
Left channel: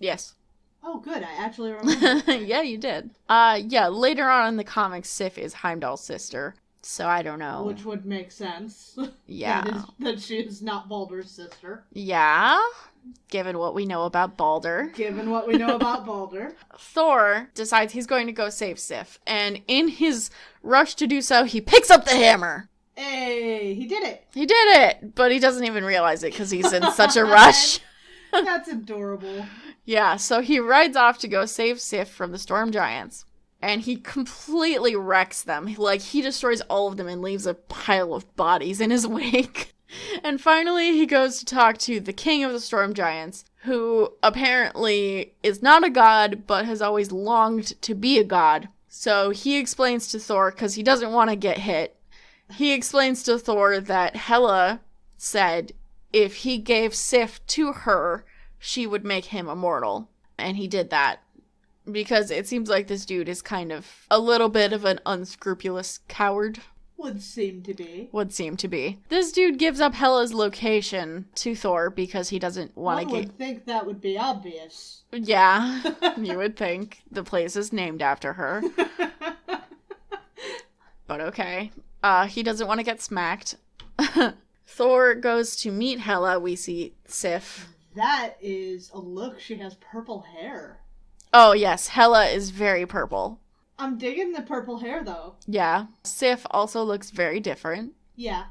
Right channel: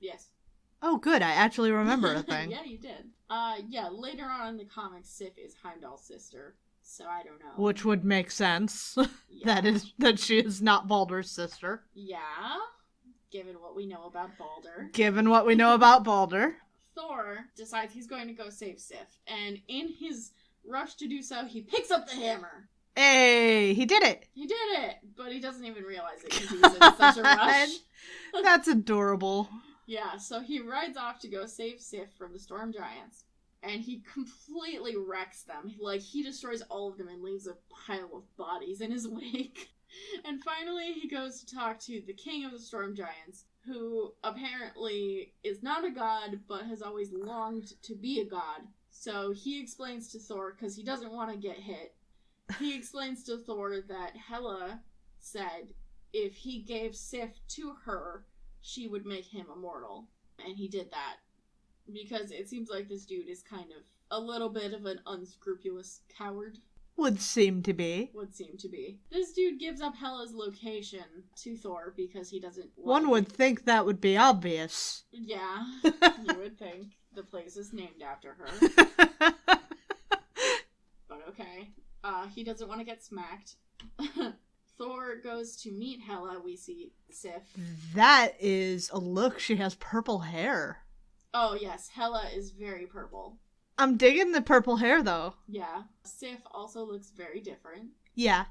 Yes. Oh, good. I actually remember the thing. Yeah, you did. Yeah, later on in the comics, Sif is Heimdall's sister. So I don't know. Which would make sense. Yeah. That she is not Baldur's sister. Yeah. Given what we know about Baldur. Given what we know about Baldur. Thor decides he's going to go save Sif. And in his rush to do so, he picks up the hammer. Hey, he did it. He did it, but he doesn't even realize it because he's in such a rush. That's adorable. Yeah, so he rides off to go save Sif from the storm giants. And he completely wrecks them. Like, he destroys all of them and leaves a pile of bodies in his wake. And finally, he goes to talk to the king of the storm giants, who apparently is not a god, but has always longed to be a god. So he explains to Thor, because he doesn't want to get hit, he explains to Thor that Hela said if he gave Sif to her, she would make him immortal. And he did that. Because it seems like this dude is kind of a little bit of an unscrupulous coward. Would seem to be. This dude gives up Hela's location to Thor because he doesn't want to One would think that would be obvious. Yeah, you would think. The place is named after her. But okay. He doesn't want to get smacked. Thor goes to meet Hela. We see Sif. That is a look. She has purple hair. Oh, yes. Hela is very purple. I'm digging the purple hair, though. Yeah. Sif also looks very different. Yeah.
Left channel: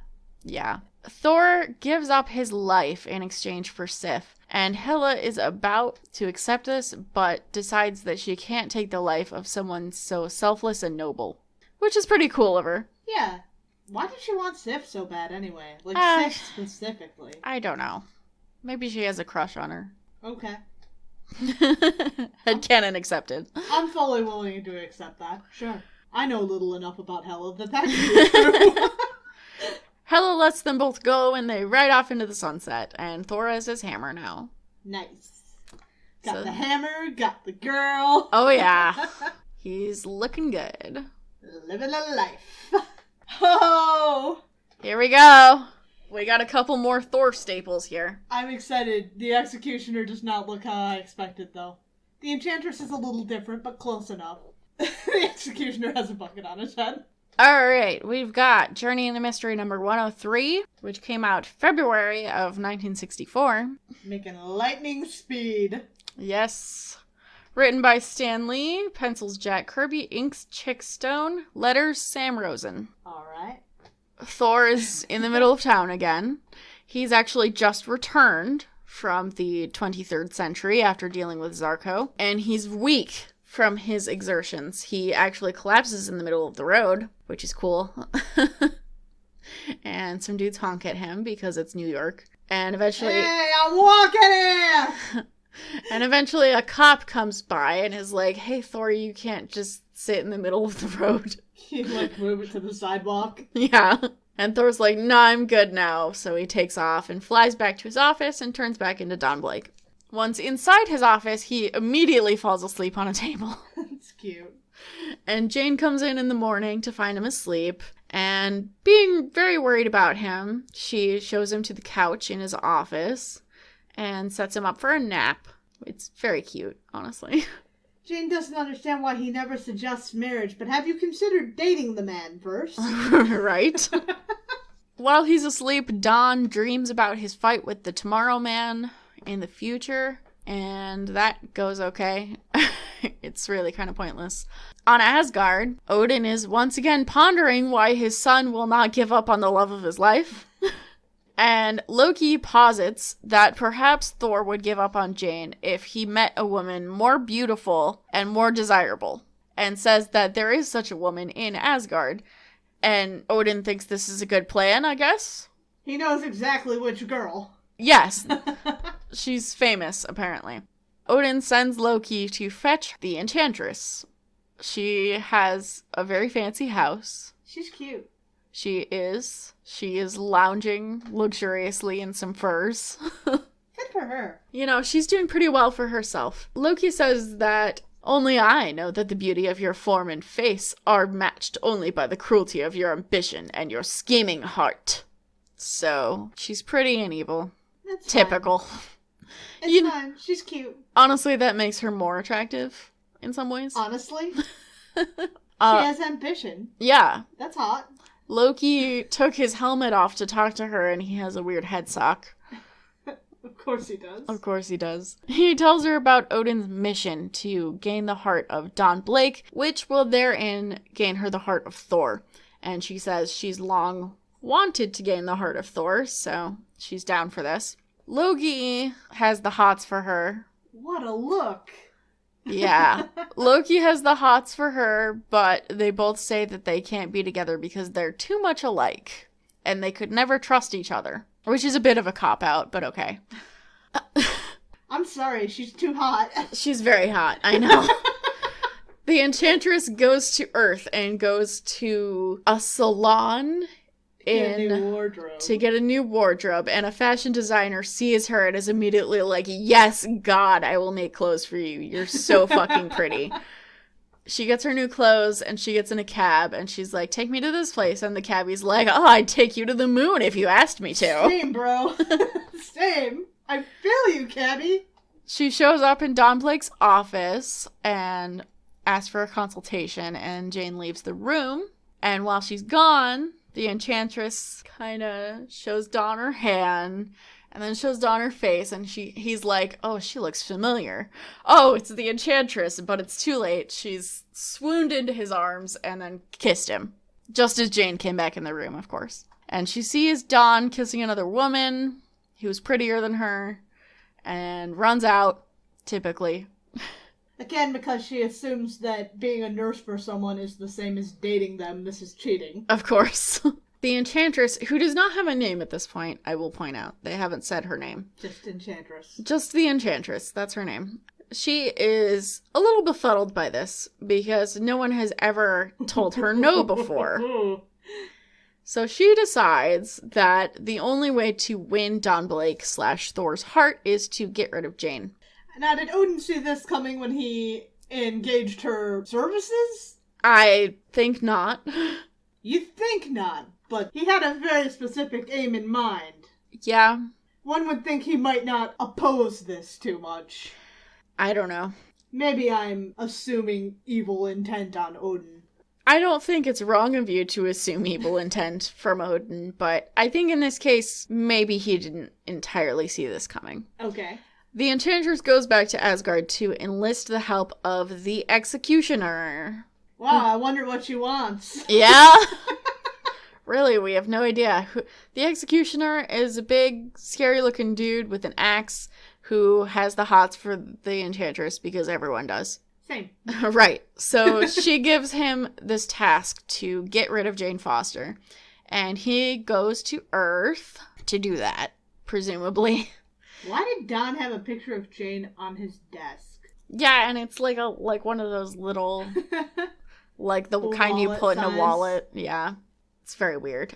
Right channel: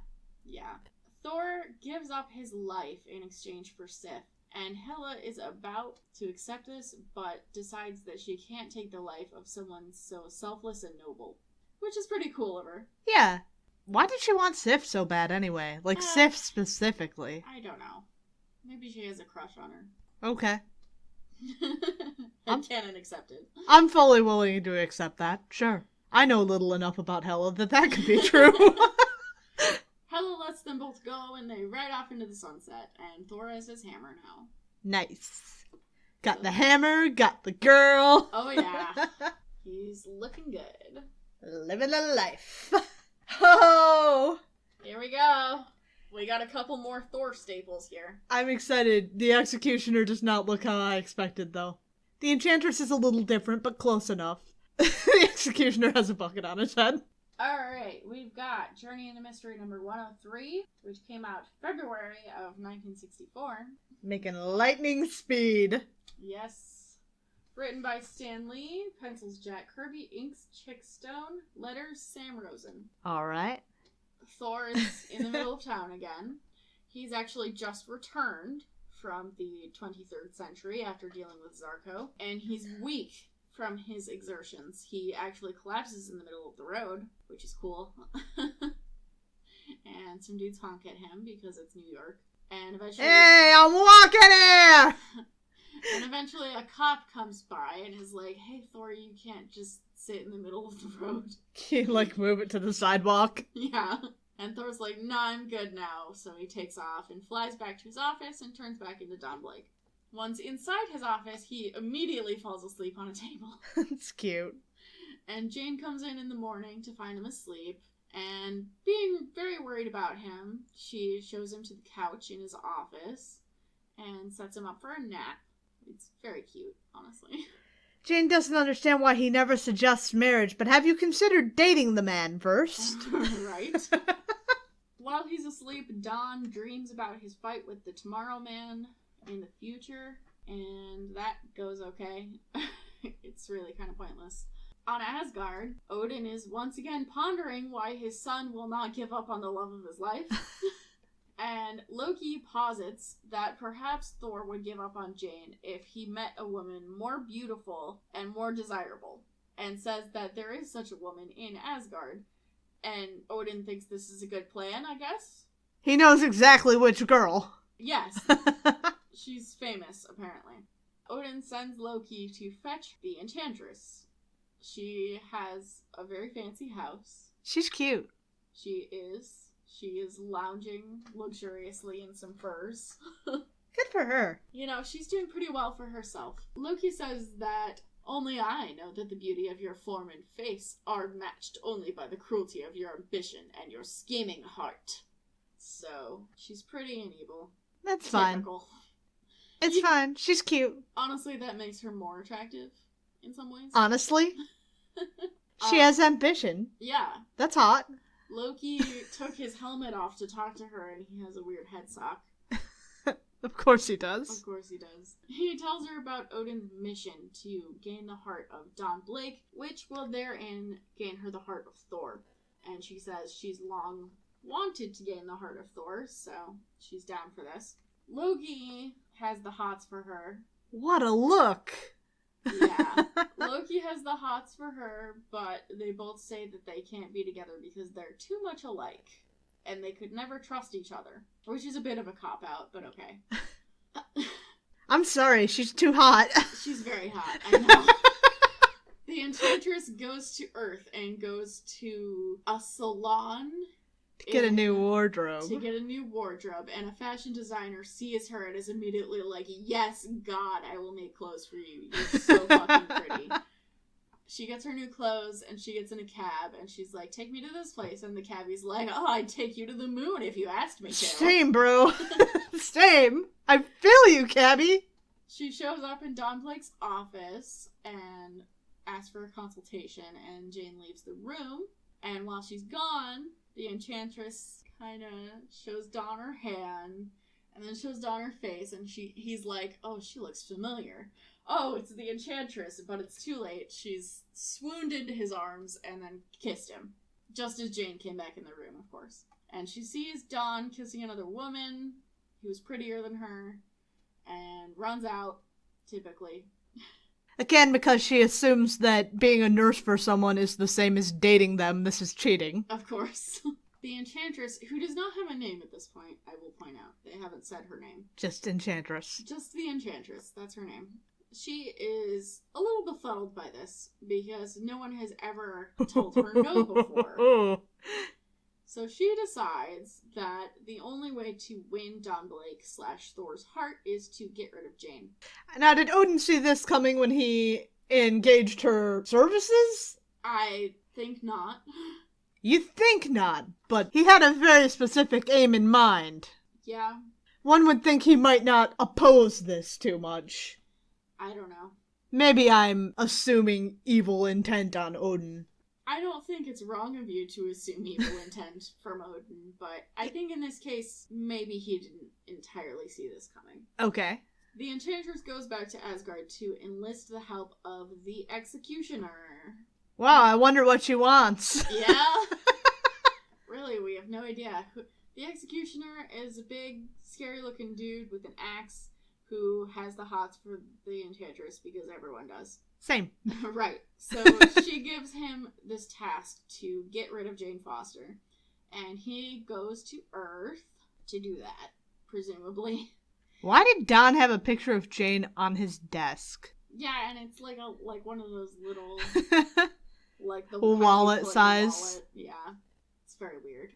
Yeah. Thor gives up his life in exchange for Sif, and Hela is about to accept this, but decides that she can't take the life of someone so selfless and noble. Which is pretty cool of her. Yeah. Why did she want Sif so bad, anyway? Like, Sif specifically. I don't know. Maybe she has a crush on her. Okay. Headcanon accepted. I'm fully willing to accept that. Sure. I know little enough about Hela that could be true. Hela lets them both go, and they ride off into the sunset, and Thor has his hammer now. Nice. Got the hammer, got the girl. Oh, yeah. He's looking good. Living a life. Oh! Here we go. We got a couple more Thor staples here. I'm excited. The Executioner does not look how I expected, though. The Enchantress is a little different, but close enough. The Executioner has a bucket on his head. Alright, we've got Journey into Mystery number 103, which came out February of 1964. Making lightning speed. Yes. Written by Stan Lee, pencils Jack Kirby, inks Chick Stone, letters Sam Rosen. Alright. Thor is in the middle of town again. He's actually just returned from the 23rd century after dealing with Zarko, and he's weak from his exertions. He actually collapses in the middle of the road, which is cool. and some dudes honk at him because it's New York. And eventually... Hey, I'm walking here! And eventually a cop comes by and is like, hey, Thor, you can't just sit in the middle of the road. He'd, like, move it to the sidewalk. Yeah. And Thor's like, nah, I'm good now. So he takes off and flies back to his office and turns back into Don Blake. Once inside his office, he immediately falls asleep on a table. That's cute. And Jane comes in the morning to find him asleep. And being very worried about him, she shows him to the couch in his office and sets him up for a nap. It's very cute, honestly. Jane doesn't understand why he never suggests marriage, but have you considered dating the man first? Right? While he's asleep, Don dreams about his fight with the Tomorrow Man in the future, and that goes okay. It's really kind of pointless. On Asgard, Odin is once again pondering why his son will not give up on the love of his life. And Loki posits that perhaps Thor would give up on Jane if he met a woman more beautiful and more desirable, and says that there is such a woman in Asgard. And Odin thinks this is a good plan, I guess? He knows exactly which girl. Yes. She's famous, apparently. Odin sends Loki to fetch the Enchantress. She has a very fancy house. She's cute. She is lounging luxuriously in some furs. Good for her. You know, she's doing pretty well for herself. Loki says that only I know that the beauty of your form and face are matched only by the cruelty of your ambition and your scheming heart. So, she's pretty and evil. That's typical. Fine. It's fine. She's cute. Honestly, that makes her more attractive in some ways. Honestly? She has ambition. Yeah. That's hot. Loki took his helmet off to talk to her, and he has a weird head sock. Of course he does. Of course he does. He tells her about Odin's mission to gain the heart of Don Blake, which will therein gain her the heart of Thor. And she says she's long wanted to gain the heart of Thor, so she's down for this. Loki has the hots for her. What a look! Yeah. Loki has the hots for her, but they both say that they can't be together because they're too much alike. And they could never trust each other. Which is a bit of a cop-out, but okay. I'm sorry, she's too hot. She's very hot, I know. The Enchantress goes to Earth and goes to a salon to get a new wardrobe. And a fashion designer sees her and is immediately like, yes, God, I will make clothes for you. You're so fucking pretty. She gets her new clothes and she gets in a cab and she's like, take me to this place. And the cabbie's like, oh, I'd take you to the moon if you asked me to. Same, bro. Same. I feel you, cabbie. She shows up in Don Blake's office and asks for a consultation, and Jane leaves the room. And while she's gone, the Enchantress kind of shows Don her hand and then shows Don her face, and he's like, oh, she looks familiar. Oh, it's the Enchantress, but it's too late. She's swooned into his arms and then kissed him. Just as Jane came back in the room, of course. And she sees Don kissing another woman who's prettier than her and runs out, typically. Again, because she assumes that being a nurse for someone is the same as dating them. This is cheating. Of course. The Enchantress, who does not have a name at this point, I will point out. They haven't said her name. Just Enchantress. Just the Enchantress. That's her name. She is a little befuddled by this because no one has ever told her no before. So she decides that the only way to win Don Blake / Thor's heart is to get rid of Jane. Now, did Odin see this coming when he engaged her services? I think not. You think not, but he had a very specific aim in mind. Yeah. One would think he might not oppose this too much. I don't know. Maybe I'm assuming evil intent on Odin. I don't think it's wrong of you to assume evil intent from Odin, but I think in this case, maybe he didn't entirely see this coming. Okay. The Enchantress goes back to Asgard to enlist the help of the Executioner. Wow, I wonder what she wants. Yeah? Really, we have no idea. The Executioner is a big, scary-looking dude with an axe who has the hots for the Enchantress because everyone does. Same. Right. So she gives him this task to get rid of Jane Foster. And he goes to Earth to do that, presumably. Why did Don have a picture of Jane on his desk? Yeah, and it's like one of those little, like the Wallet kind you put size. in a wallet. Yeah, it's very weird.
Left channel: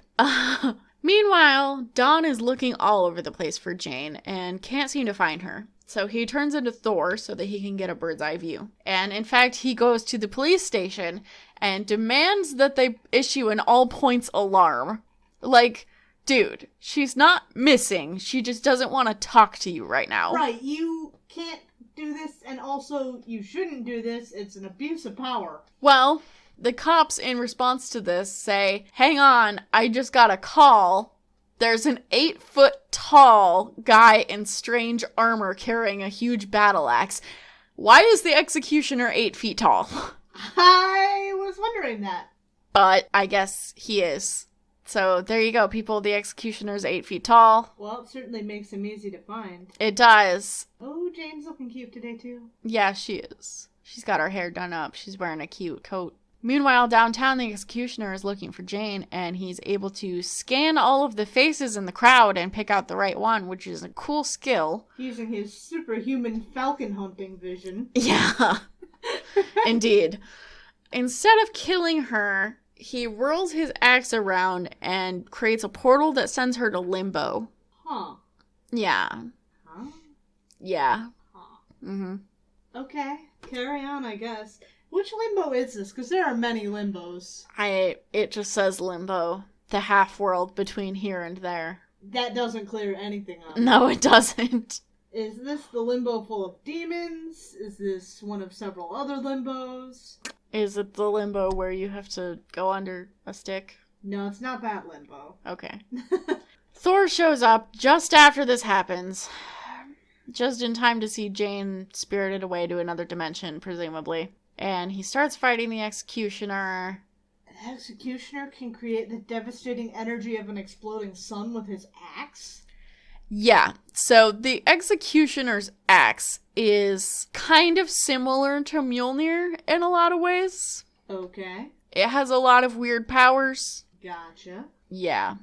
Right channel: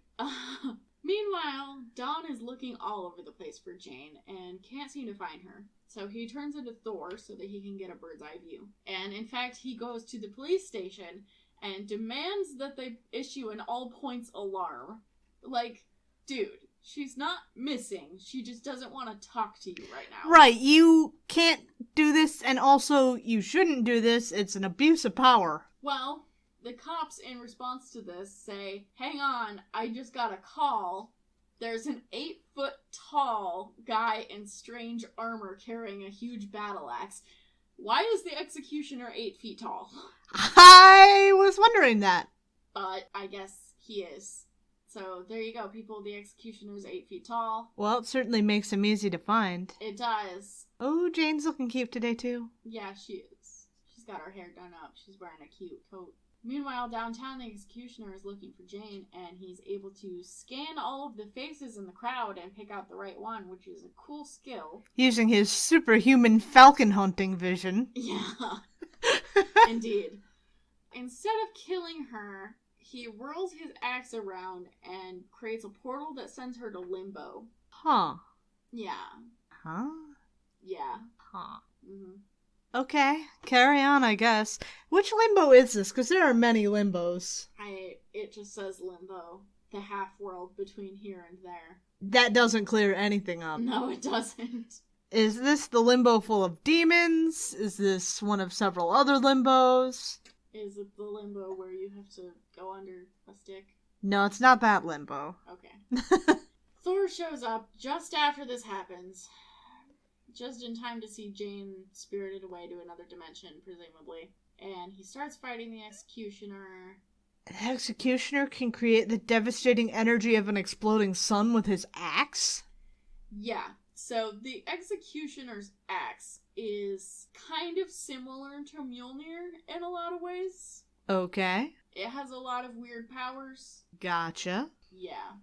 Meanwhile, Don is looking all over the place for Jane and can't seem to find her. So he turns into Thor so that he can get a bird's eye view. And in fact, he goes to the police station and demands that they issue an all points alarm. Like, dude, she's not missing. She just doesn't want to talk to you right now. Right, you can't do this, and also you shouldn't do this. It's an abuse of power. Well, the cops in response to this say, hang on, I just got a call. There's an 8-foot tall guy in strange armor carrying a huge battle axe. Why is the executioner 8 feet tall? I was wondering that. But I guess he is. So there you go, people. The executioner's 8 feet tall. Well, it certainly makes him easy to find. It does. Oh, Jane's looking cute today, too. Yeah, she is. She's got her hair done up. She's wearing a cute coat. Meanwhile, downtown, the executioner is looking for Jane, and he's able to scan all of the faces in the crowd and pick out the right one, which is a cool skill. Using his superhuman falcon hunting vision. Yeah, indeed. Instead of killing her, he whirls his axe around and creates a portal that sends her to Limbo. Huh. Yeah. Huh? Yeah. Huh. Mm-hmm. Okay, carry on, I guess. Which limbo is this? Because there are many limbos. It just says Limbo. The half-world between here and there. That doesn't clear anything up. No, it doesn't. Is this the limbo full of demons? Is this one of several other limbos? Is it the limbo where you have to go under a stick? No, it's not that limbo. Okay. Thor shows up just after this happens. Just in time to see Jane spirited away to another dimension, presumably. And he starts fighting the executioner. An executioner can create the devastating energy of an exploding sun with his axe? Yeah, so the executioner's axe is kind of similar to Mjolnir in a lot of ways. Okay. It has a lot of weird powers. Gotcha. Yeah.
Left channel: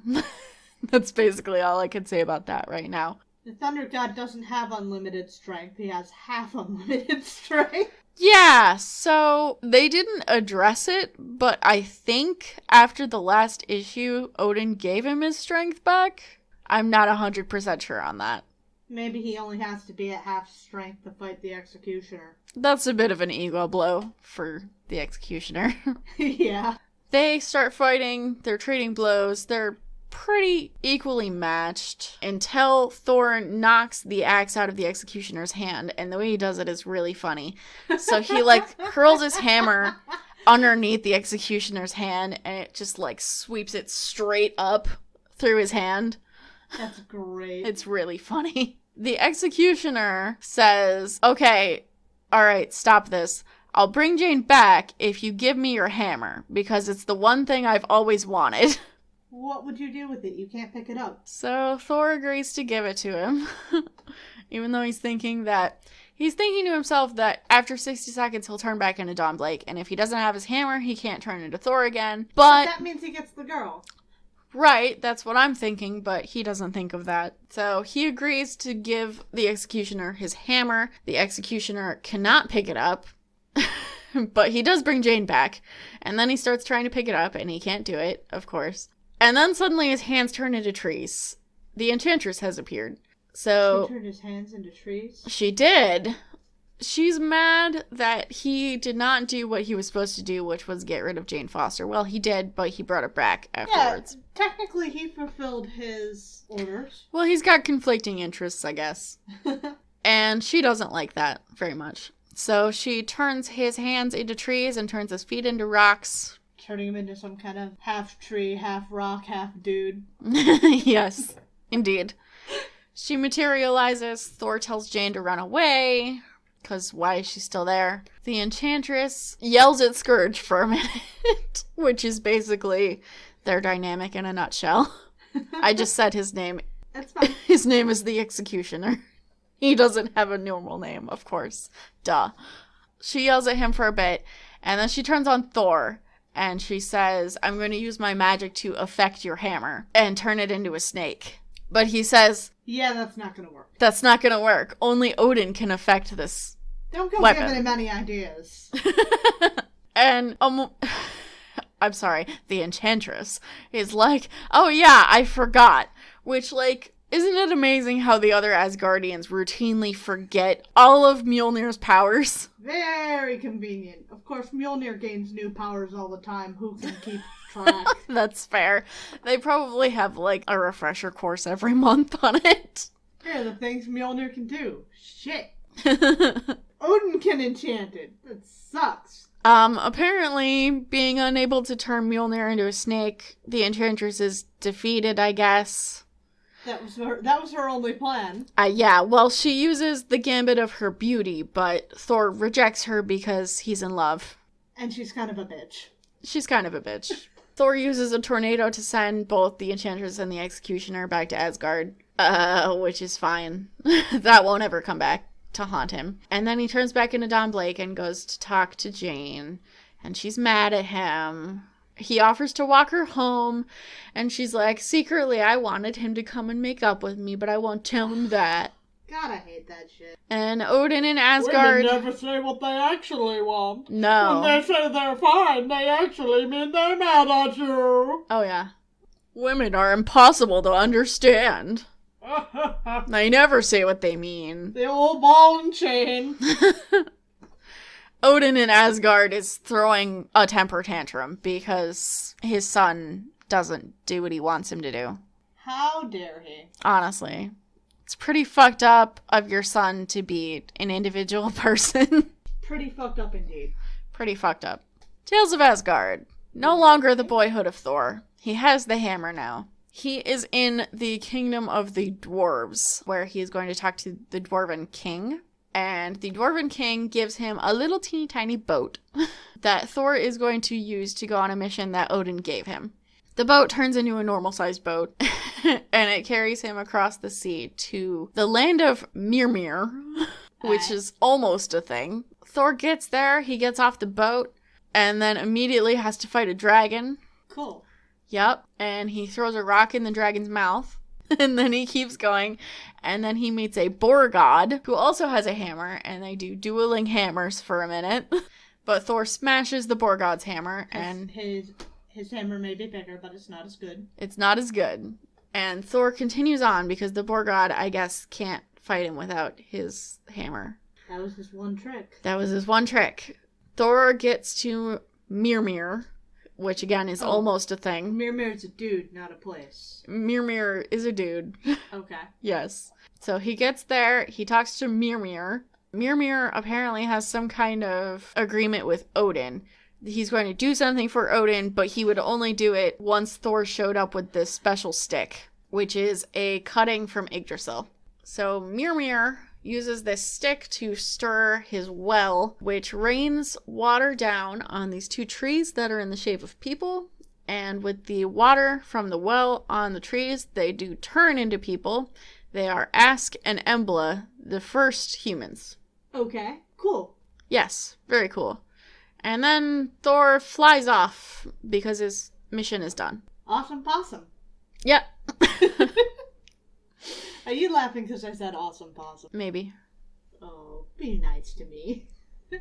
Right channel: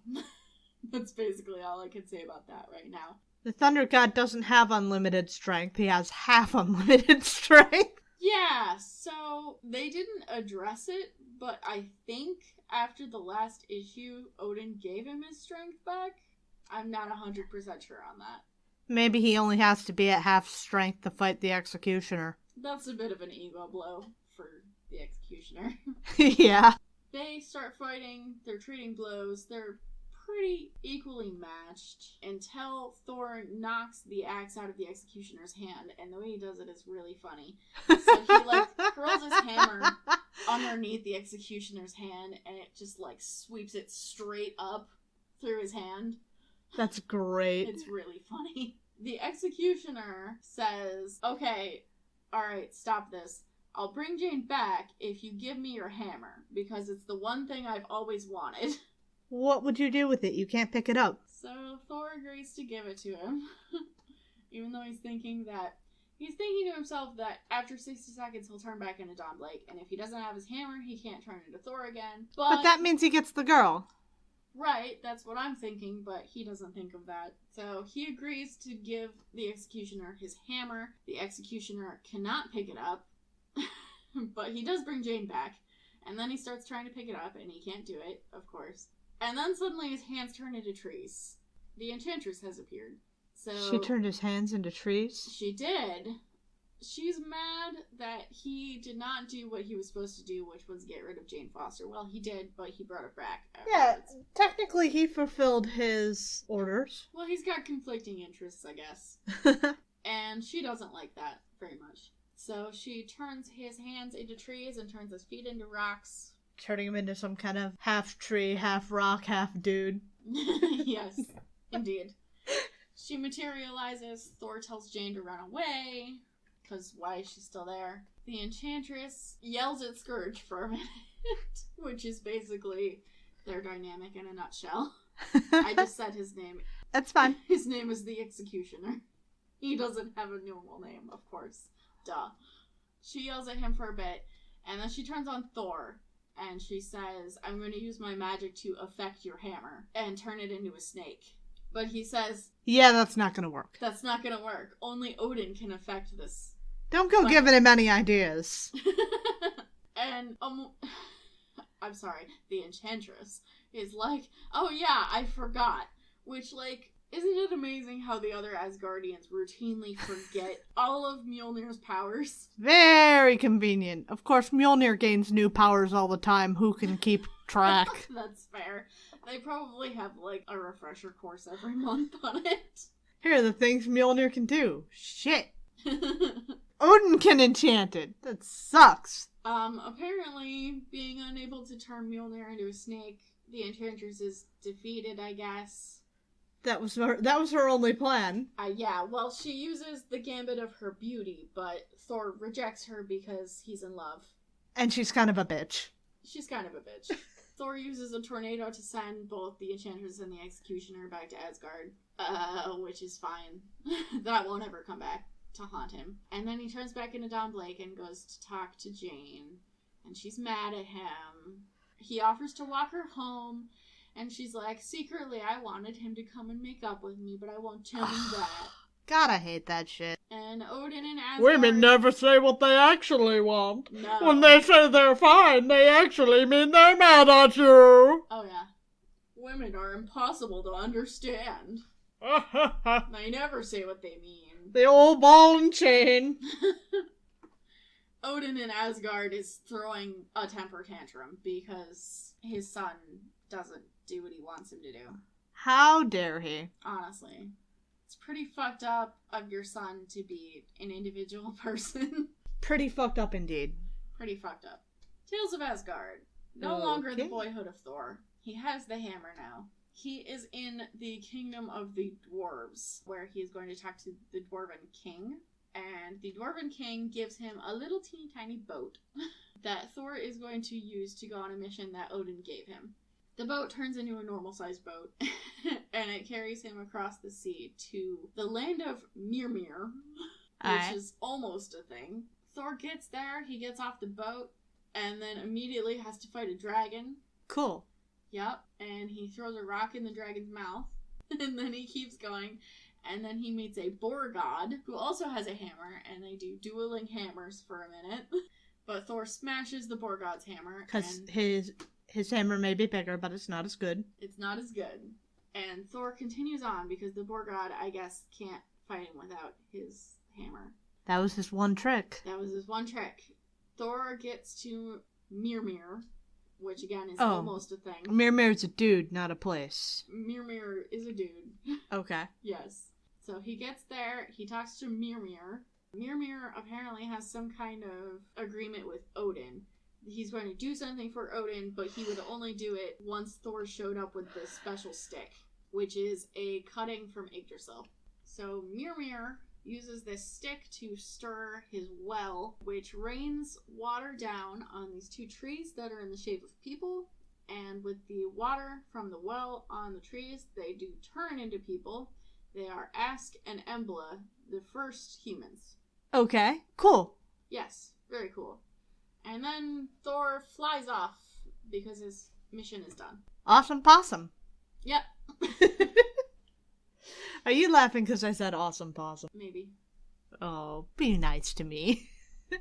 That's basically all I can say about that right now. The Thunder God doesn't have unlimited strength. He has half unlimited strength. Yeah, so they didn't address it, but I think after the last issue, Odin gave him his strength back. I'm not 100% sure on that. Maybe he only has to be at half strength to fight the executioner. That's a bit of an ego blow for the executioner. Yeah. They start fighting, they're trading blows, they're pretty equally matched until Thor knocks the axe out of the executioner's hand, and the way he does it is really funny. So he curls his hammer underneath the executioner's hand, and it just sweeps it straight up through his hand. That's great. It's really funny. The executioner says, okay, all right, stop this. I'll bring Jane back if you give me your hammer, because it's the one thing I've always wanted. What would you do with it? You can't pick it up. So Thor agrees to give it to him, even though he's thinking to himself that after 60 seconds he'll turn back into Don Blake, and if he doesn't have his hammer, he can't turn into Thor again. But that means he gets the girl. Right, that's what I'm thinking, but he doesn't think of that. So he agrees to give the executioner his hammer. The executioner cannot pick it up, but he does bring Jane back, and then he starts trying to pick it up, and he can't do it, of course. And then suddenly his hands turn into trees. The Enchantress has appeared. So she turned his hands into trees? She did. She's mad that he did not do what he was supposed to do, which was get rid of Jane Foster. Well, he did, but he brought her back afterwards. Yeah, technically he fulfilled his orders. Well, he's got conflicting interests, I guess. And she doesn't like that very much. So she turns his hands into trees and turns his feet into rocks. Turning him into some kind of half tree, half rock, half dude. Yes, indeed. She materializes. Thor tells Jane to run away, because why is she still there? The Enchantress yells at Scourge for a minute, which is basically their dynamic in a nutshell. I just said his name. That's fine. His name is the Executioner. He doesn't have a normal name, of course. Duh. She yells at him for a bit, and then she turns on Thor. and she says, I'm going to use my magic to affect your hammer and turn it into a snake. But he says, yeah, that's not going to work. That's not going to work. Only Odin can affect this. Don't go weapon. giving him any ideas. And, I'm sorry, the Enchantress is like, oh yeah, I forgot. Which, like, isn't it amazing how the other Asgardians routinely forget all of Mjolnir's powers? Very convenient. Of course, Mjolnir gains new powers all the time. Who can keep track? That's fair. They probably have, like, a refresher course every month on it. Here are the things Mjolnir can do. Shit. Odin can enchant it. That sucks. Apparently, being unable to turn Mjolnir into a snake, the Enchantress is defeated, I guess. That was her only plan. Yeah, well, she uses the gambit of her beauty, but Thor rejects her because he's in love. And she's kind of a bitch. She's kind of a bitch. Thor uses a tornado to send both the Enchantress and the Executioner back to Asgard, which is fine. That won't ever come back to haunt him. And then he turns back into Don Blake and goes to talk to Jane, and she's mad at him. He offers to walk her home, and she's like, secretly, I wanted him to come and make up with me, but I won't tell him that. God, I hate that shit. And Odin and Asgard... Women never say what they actually want. No. When they say they're fine, they actually mean they're mad at you. Oh, yeah. Women are impossible to understand. They never say what they mean. The old ball and chain. Odin in Asgard is throwing a temper tantrum because his son doesn't do what he wants him to do. How dare he? Honestly. It's pretty fucked up of your son to be an individual person. Pretty fucked up indeed. Pretty fucked up. Tales of Asgard. No longer the boyhood of Thor. He has the hammer now. He is in the kingdom of the dwarves, where he is going to talk to the Dwarven King. And the Dwarven King gives him a little teeny tiny boat that Thor is going to use to go on a mission that Odin gave him. The boat turns into a normal-sized boat, and it carries him across the sea to the land of Mimir, which is almost a thing. Thor gets there, he gets off the boat, and then immediately has to fight a dragon. Cool. Yep, and he throws a rock in the dragon's mouth, and then he keeps going, and then he meets a boar god, who also has a hammer, and they do dueling hammers for a minute. But Thor smashes the boar god's hammer, and his hammer may be bigger, but it's not as good. It's not as good. And Thor continues on, because the boar god, I guess, can't fight him without his hammer. That was his one trick. That was his one trick. Thor gets to Mimir, which again is almost a thing. Mirmir's a dude, not a place. Mimir is a dude. Okay. Yes. So he gets there, he talks to Mimir. Mimir apparently has some kind of agreement with Odin. He's going to do something for Odin, but he would only do it once Thor showed up with this special stick, which is a cutting from Yggdrasil. So Mimir uses this stick to stir his well, which rains water down on these two trees that are in the shape of people. And with the water from the well on the trees, they do turn into people. They are Ask and Embla, the first humans. Okay, cool. Yes, very cool. And then Thor flies off because his mission is done. Awesome possum. Yep. Are you laughing because I said awesome possum? Maybe. Oh, be nice to me.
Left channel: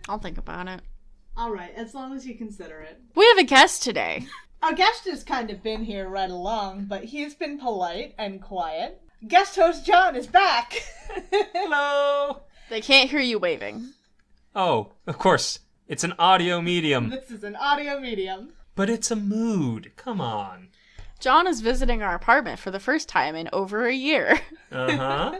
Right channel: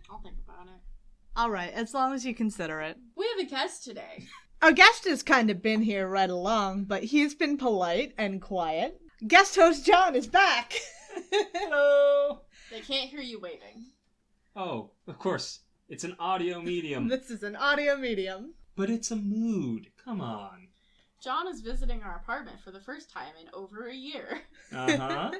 I'll think about it. Alright, as long as you consider it. We have a guest today. Our guest has kind of been here right along, but he's been polite and quiet. Guest host John is back. Hello. They can't hear you waving. Oh, of course. It's an audio medium. This is an audio medium. But it's a mood. Come on. John is visiting our apartment for the first time in over a year. Uh-huh.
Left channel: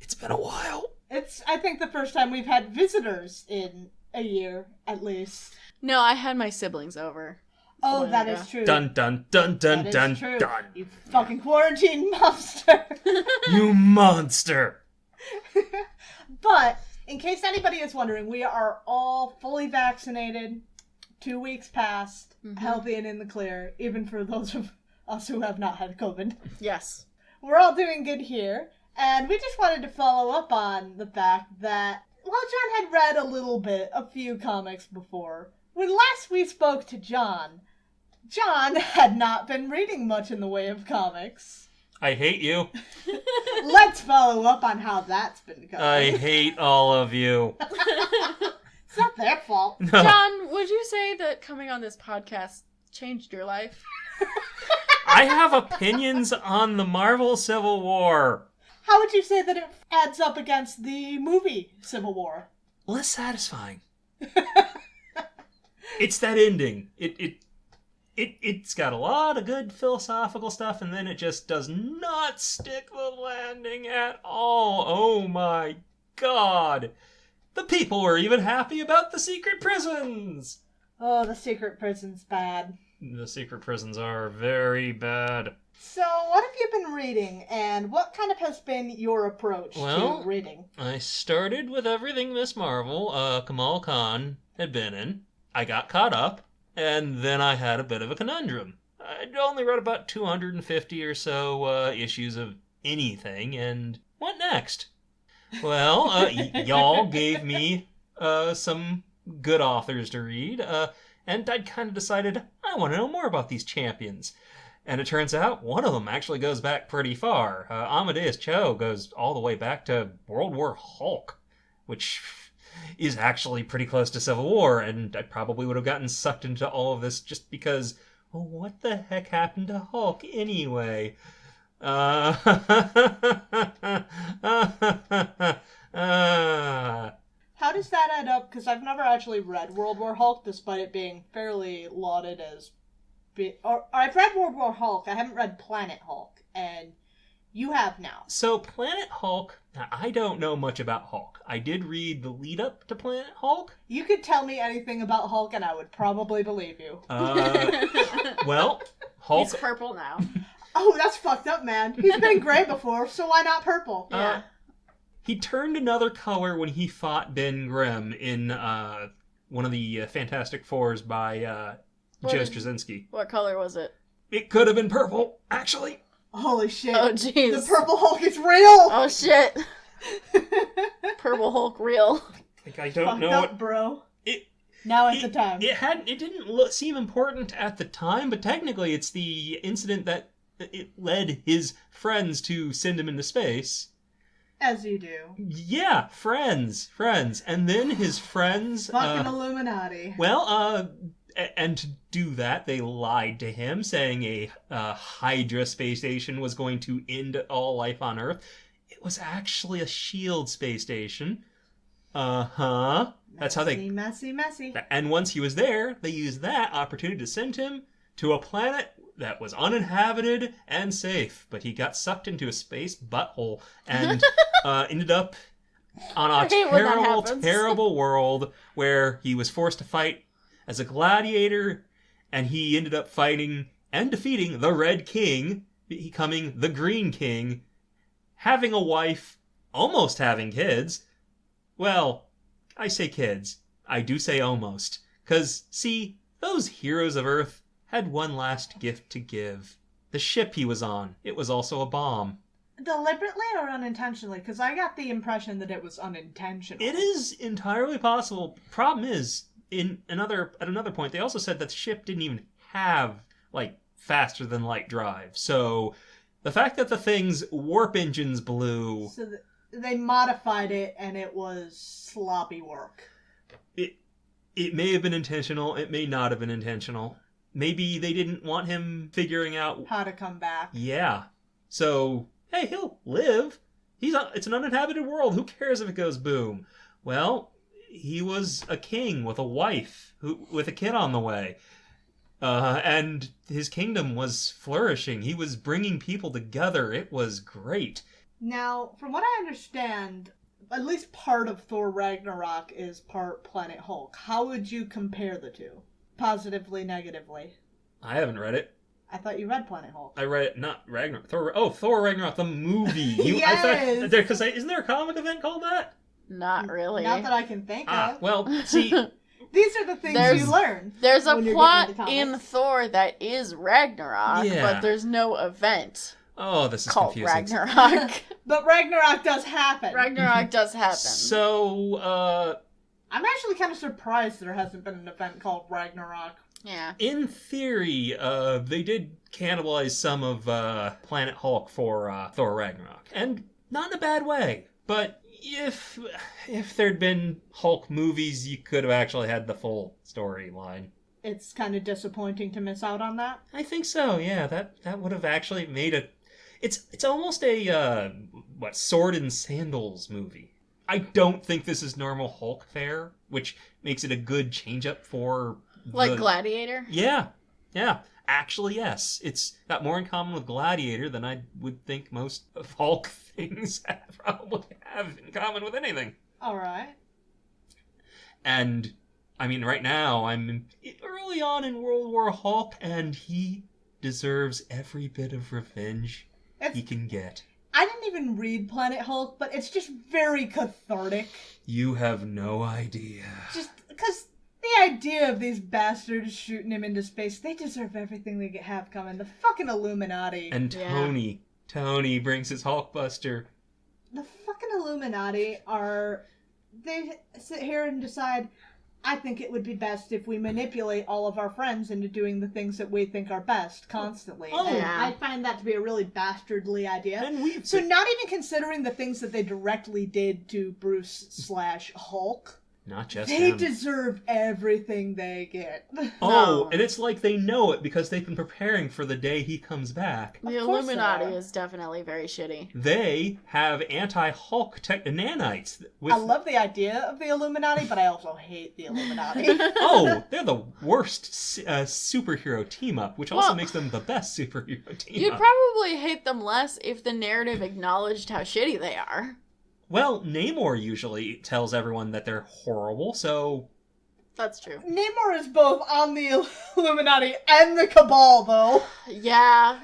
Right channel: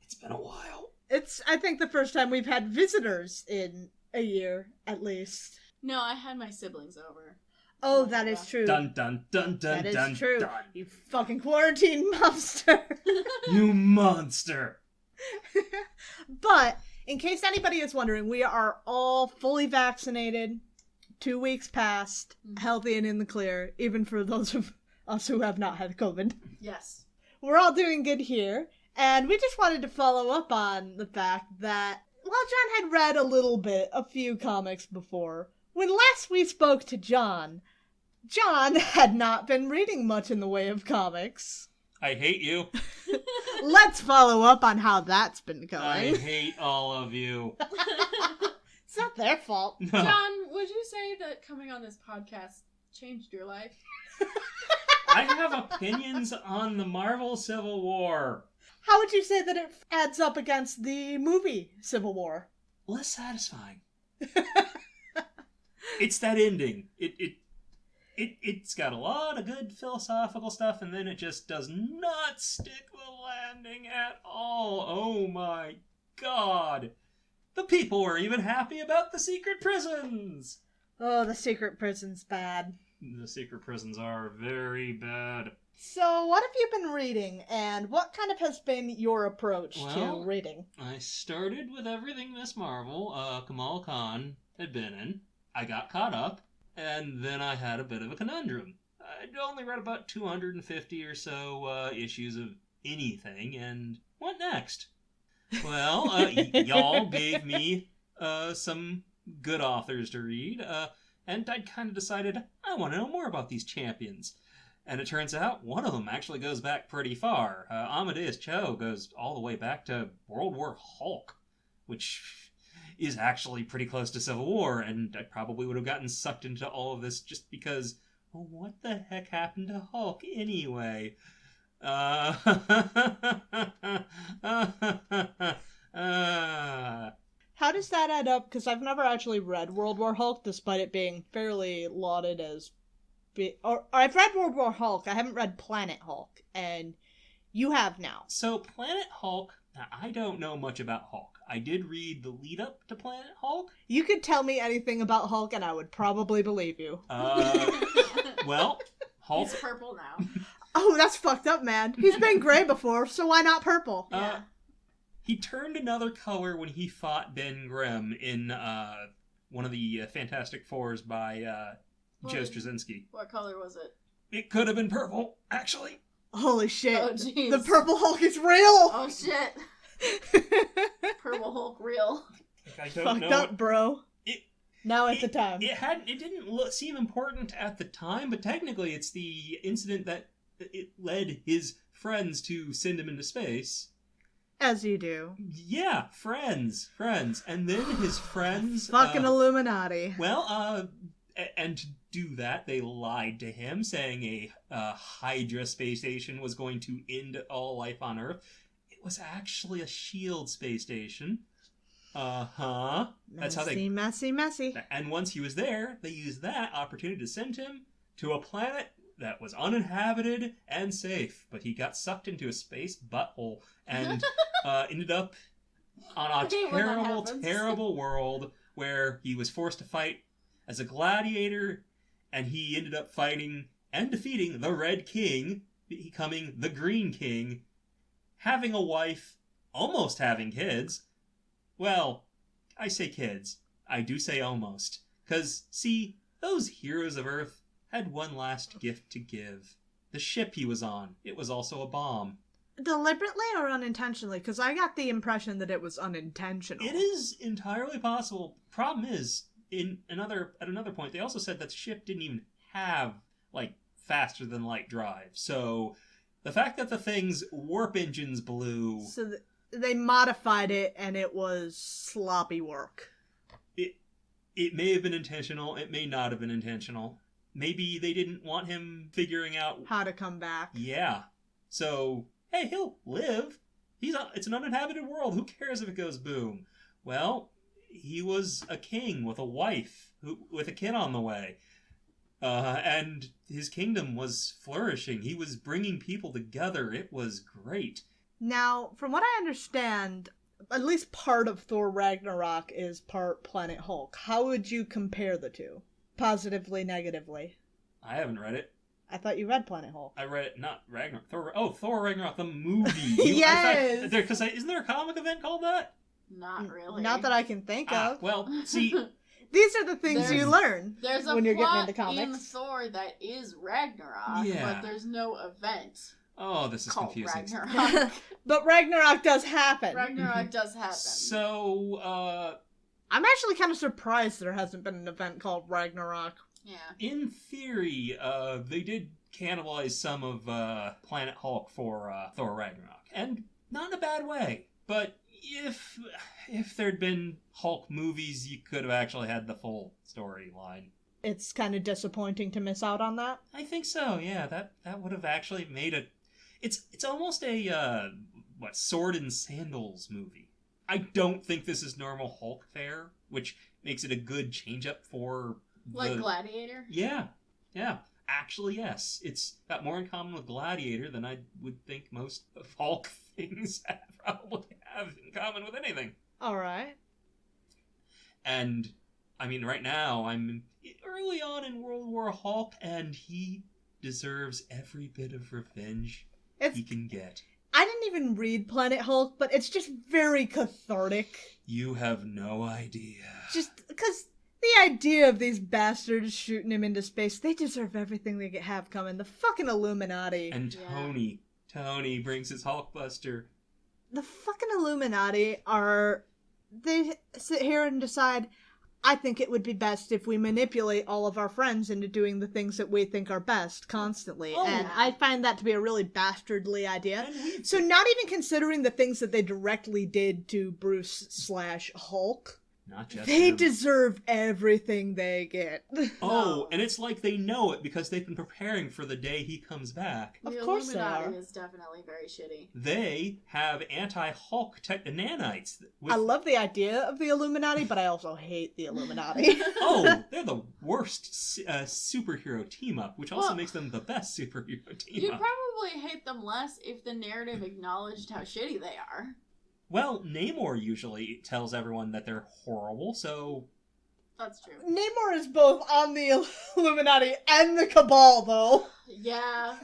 It's been a while. It's, I think, the first time we've had visitors in a year, at least. No, I had my siblings over. Oh, that is true. Dun, dun, dun, dun, That dun, is true. dun. You fucking quarantine monster. You monster. But, in case anybody is wondering, we are all fully vaccinated, 2 weeks past, healthy and in the clear, even for those of us who have not had COVID. Yes. We're all doing good here, and we just wanted to follow up on the fact that, while John had read a few comics before, When last we spoke to John had not been reading much in the way of comics. I hate you. Let's follow up on how that's been going. I hate all of you. It's not their fault. No. John, would you say that coming on this podcast changed your life? I have opinions on the Marvel Civil War. How would you say that it adds up against the movie Civil War? Less satisfying. It's that ending. It's got a lot of good philosophical stuff, and then it just does not stick the landing at all. Oh my god. The people were even happy about the secret prisons. Oh, the secret prison's bad. The secret prisons are very bad. So, what have you been reading, and what kind of has been your approach to reading? I started with everything Miss Marvel, Kamal Khan had been in. I got caught up, and then I had a bit of a conundrum. I'd only read about 250 or so issues of anything, and what next? Well, y'all gave me some good authors to read, and I'd kind of decided I want to know more about these champions. And it turns out one of them actually goes back pretty far. Amadeus Cho goes all the way back to World War Hulk, which is actually pretty close to Civil War, and I probably would have gotten sucked into all of this just because, well, what the heck happened to Hulk anyway? How does that add up? Because I've never actually read World War Hulk, despite it being fairly lauded as... Or I've read World War Hulk, I haven't read Planet Hulk, and you have now. So Planet Hulk, I don't know much about Hulk. I did read the lead up to Planet Hulk. You could tell me anything about Hulk and I would probably believe you. Well, Hulk... He's purple now. Oh, that's fucked up, man. He's been gray before, so why not purple? Yeah. He turned another color when he fought Ben Grimm in one of the Fantastic Fours by Joe Straczynski. What color was it? It could have been purple, actually. Holy shit. Oh, jeez. The purple Hulk is real! Oh, shit. Purple Hulk real. I don't fucked know up, what... bro. Now is the time. It didn't seem important at the time, but technically it's the incident that it led his friends to send him into space. As you do. Yeah, friends. And then his friends... Fucking Illuminati. Well, and to do that, they lied to him, saying a Hydra space station was going to end all life on Earth. It was actually a SHIELD space station. Uh-huh. That's how they... Messy. And once he was there, they used that opportunity to send him to a planet that was uninhabited and safe. But he got sucked into a space butthole and ended up on a terrible world where he was forced to fight as a gladiator, and he ended up fighting and defeating the Red King, becoming the Green King, having a wife, almost having kids. Well, I say kids. I do say almost. 'Cause, see, those heroes of Earth had one last gift to give. The ship he was on, it was also a bomb. Deliberately or unintentionally? Because I got the impression that it was unintentional. It is entirely possible. Problem is, at another point, they also said that the ship didn't even have, faster than light drive. So, the fact that the thing's warp engines blew... So they modified it, and it was sloppy work. It may have been intentional. It may not have been intentional. Maybe they didn't want him figuring out... how to come back. Yeah. So, hey, he'll live. It's an uninhabited world. Who cares if it goes boom? Well... he was a king with a wife, with a kid on the way. And his kingdom was flourishing. He was bringing people together. It was great. Now, from what I understand, at least part of Thor Ragnarok is part Planet Hulk. How would you compare the two? Positively, negatively? I haven't read it. I thought you read Planet Hulk. I read it, not Ragnarok. Thor Ragnarok, the movie. Yes! Because isn't there a comic event called that? Not really. Not that I can think of. Well, see... These are the things you learn. There's a when you're plot getting into in comics. Thor that is Ragnarok, Yeah. but there's no event Oh, this is called confusing. Ragnarok. But Ragnarok does happen. Ragnarok does happen. So, I'm actually kind of surprised there hasn't been an event called Ragnarok. Yeah. In theory, they did cannibalize some of Planet Hulk for Thor Ragnarok, and not in a bad way. But if there'd been Hulk movies, you could have actually had the full storyline. It's kind of disappointing to miss out on that. I think so. Yeah, that would have actually made a. It's almost a sword and sandals movie. I don't think this is normal Hulk fare, which makes it a good change up for Like Gladiator? Yeah. Actually, yes. It's got more in common with Gladiator than I would think most of Hulk things probably have in common with anything. All right. And, I mean, right now, I'm early on in World War Hulk, and he deserves every bit of revenge he can get. I didn't even read Planet Hulk, but it's just very cathartic. You have no idea. Just because the idea of these bastards shooting him into space, they deserve everything they have coming. The fucking Illuminati. And Tony brings his Hulkbuster. The fucking Illuminati they sit here and decide, I think it would be best if we manipulate all of our friends into doing the things that we think are best constantly. Oh. And I find that to be a really bastardly idea. And So not even considering the things that they directly did to Bruce/Hulk, not just they him. deserve everything they get. Oh, and it's like they know it because they've been preparing for the day he comes back. The Of course Illuminati they are. is definitely very shitty. They have anti-Hulk nanites. I love the idea of the Illuminati, but I also hate the Illuminati. Oh, they're the worst superhero team-up, which also Well, makes them the best superhero team-up. You'd probably hate them less if the narrative acknowledged how shitty they are. Well, Namor usually tells everyone that they're horrible, so... That's true. Namor is both on the Illuminati and the Cabal, though. Yeah.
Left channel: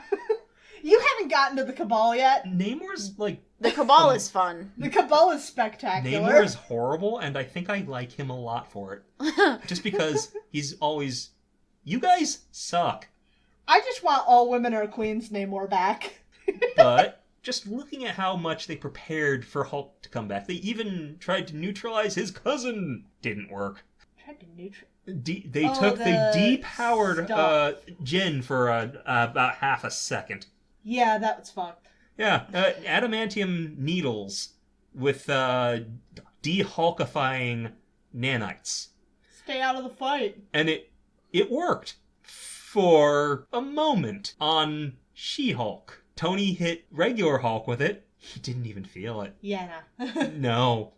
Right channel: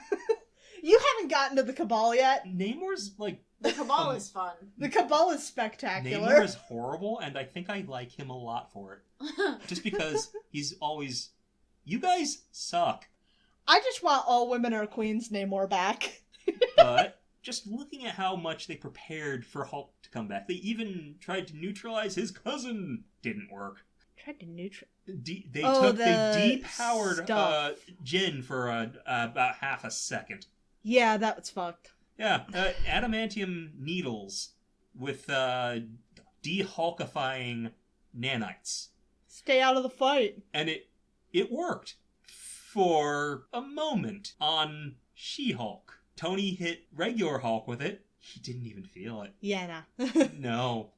You haven't gotten to the Cabal yet. Namor's, like... The Cabal is fun. The Cabal is spectacular. Namor is horrible, and I think I like him a lot for it. Just because he's always... You guys suck. I just want all women are queens Namor back. But... just looking at how much they prepared for Hulk to come back. They even tried to neutralize his cousin. Didn't work. Tried to neutralize. They the depowered stuff. Jin for about half a second. Yeah, that was fucked. Yeah, adamantium needles with de-hulkifying nanites. Stay out of the fight. And it worked for a moment on She-Hulk. Tony hit regular Hulk with it. He didn't even feel it. Yeah, No,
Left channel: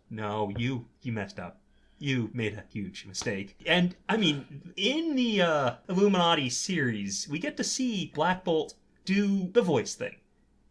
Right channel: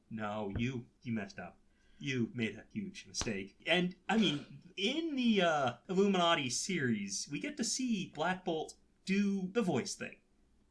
you messed up. You made a huge mistake. And, I mean, in the Illuminati series, we get to see Black Bolt do the voice thing.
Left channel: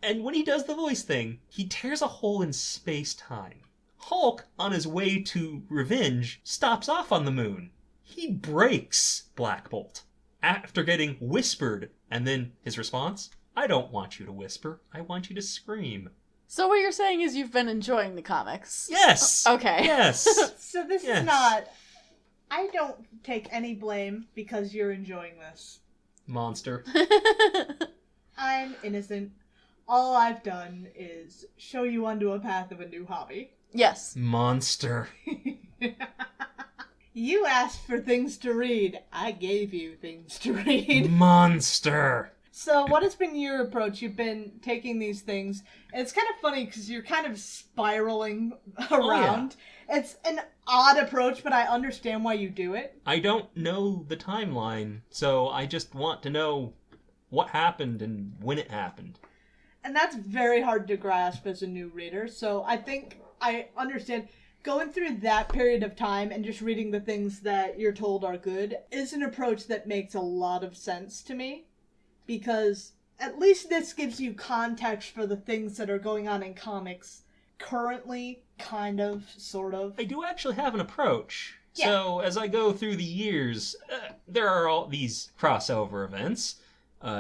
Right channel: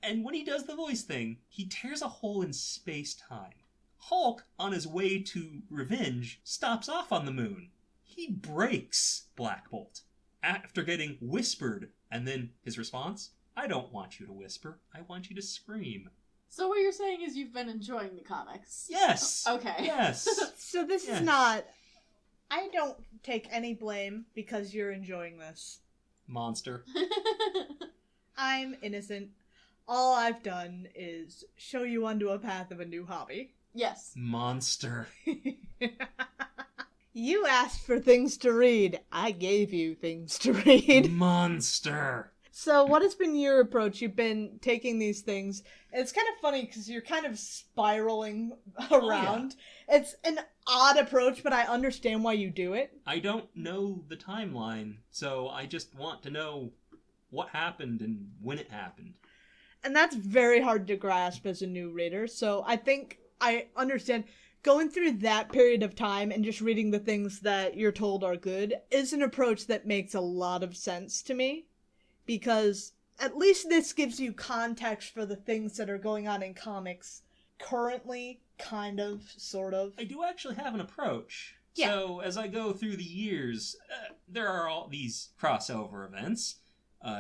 And when he does the voice thing, he tears a hole in space-time. Hulk, on his way to revenge, stops off on the moon. He breaks Black Bolt after getting whispered. And then his response? I don't want you to whisper. I want you to scream. So what you're saying is you've been enjoying the comics? Yes! Okay. Yes! So this Yes. is not... I don't take any blame because you're enjoying this. Monster. I'm innocent. All I've done is show you onto a path of a new hobby. Yes. Monster. You asked for things to read. I gave you things to read. Monster. So what has been your approach? You've been taking these things, and it's kind of funny because you're kind of spiraling around. It's an odd approach, but I understand why you do it. I don't know the timeline, so I just want to know what happened and when it happened. And that's very hard to grasp as a new reader, so I think I understand. Going through that period of time and just reading the things that you're told are good is an approach that makes a lot of sense to me. Because at least this gives you context for the things that are going on in comics currently, kind of, sort of. I do actually have an approach. Yeah. So as I go through the years, there are all these crossover events.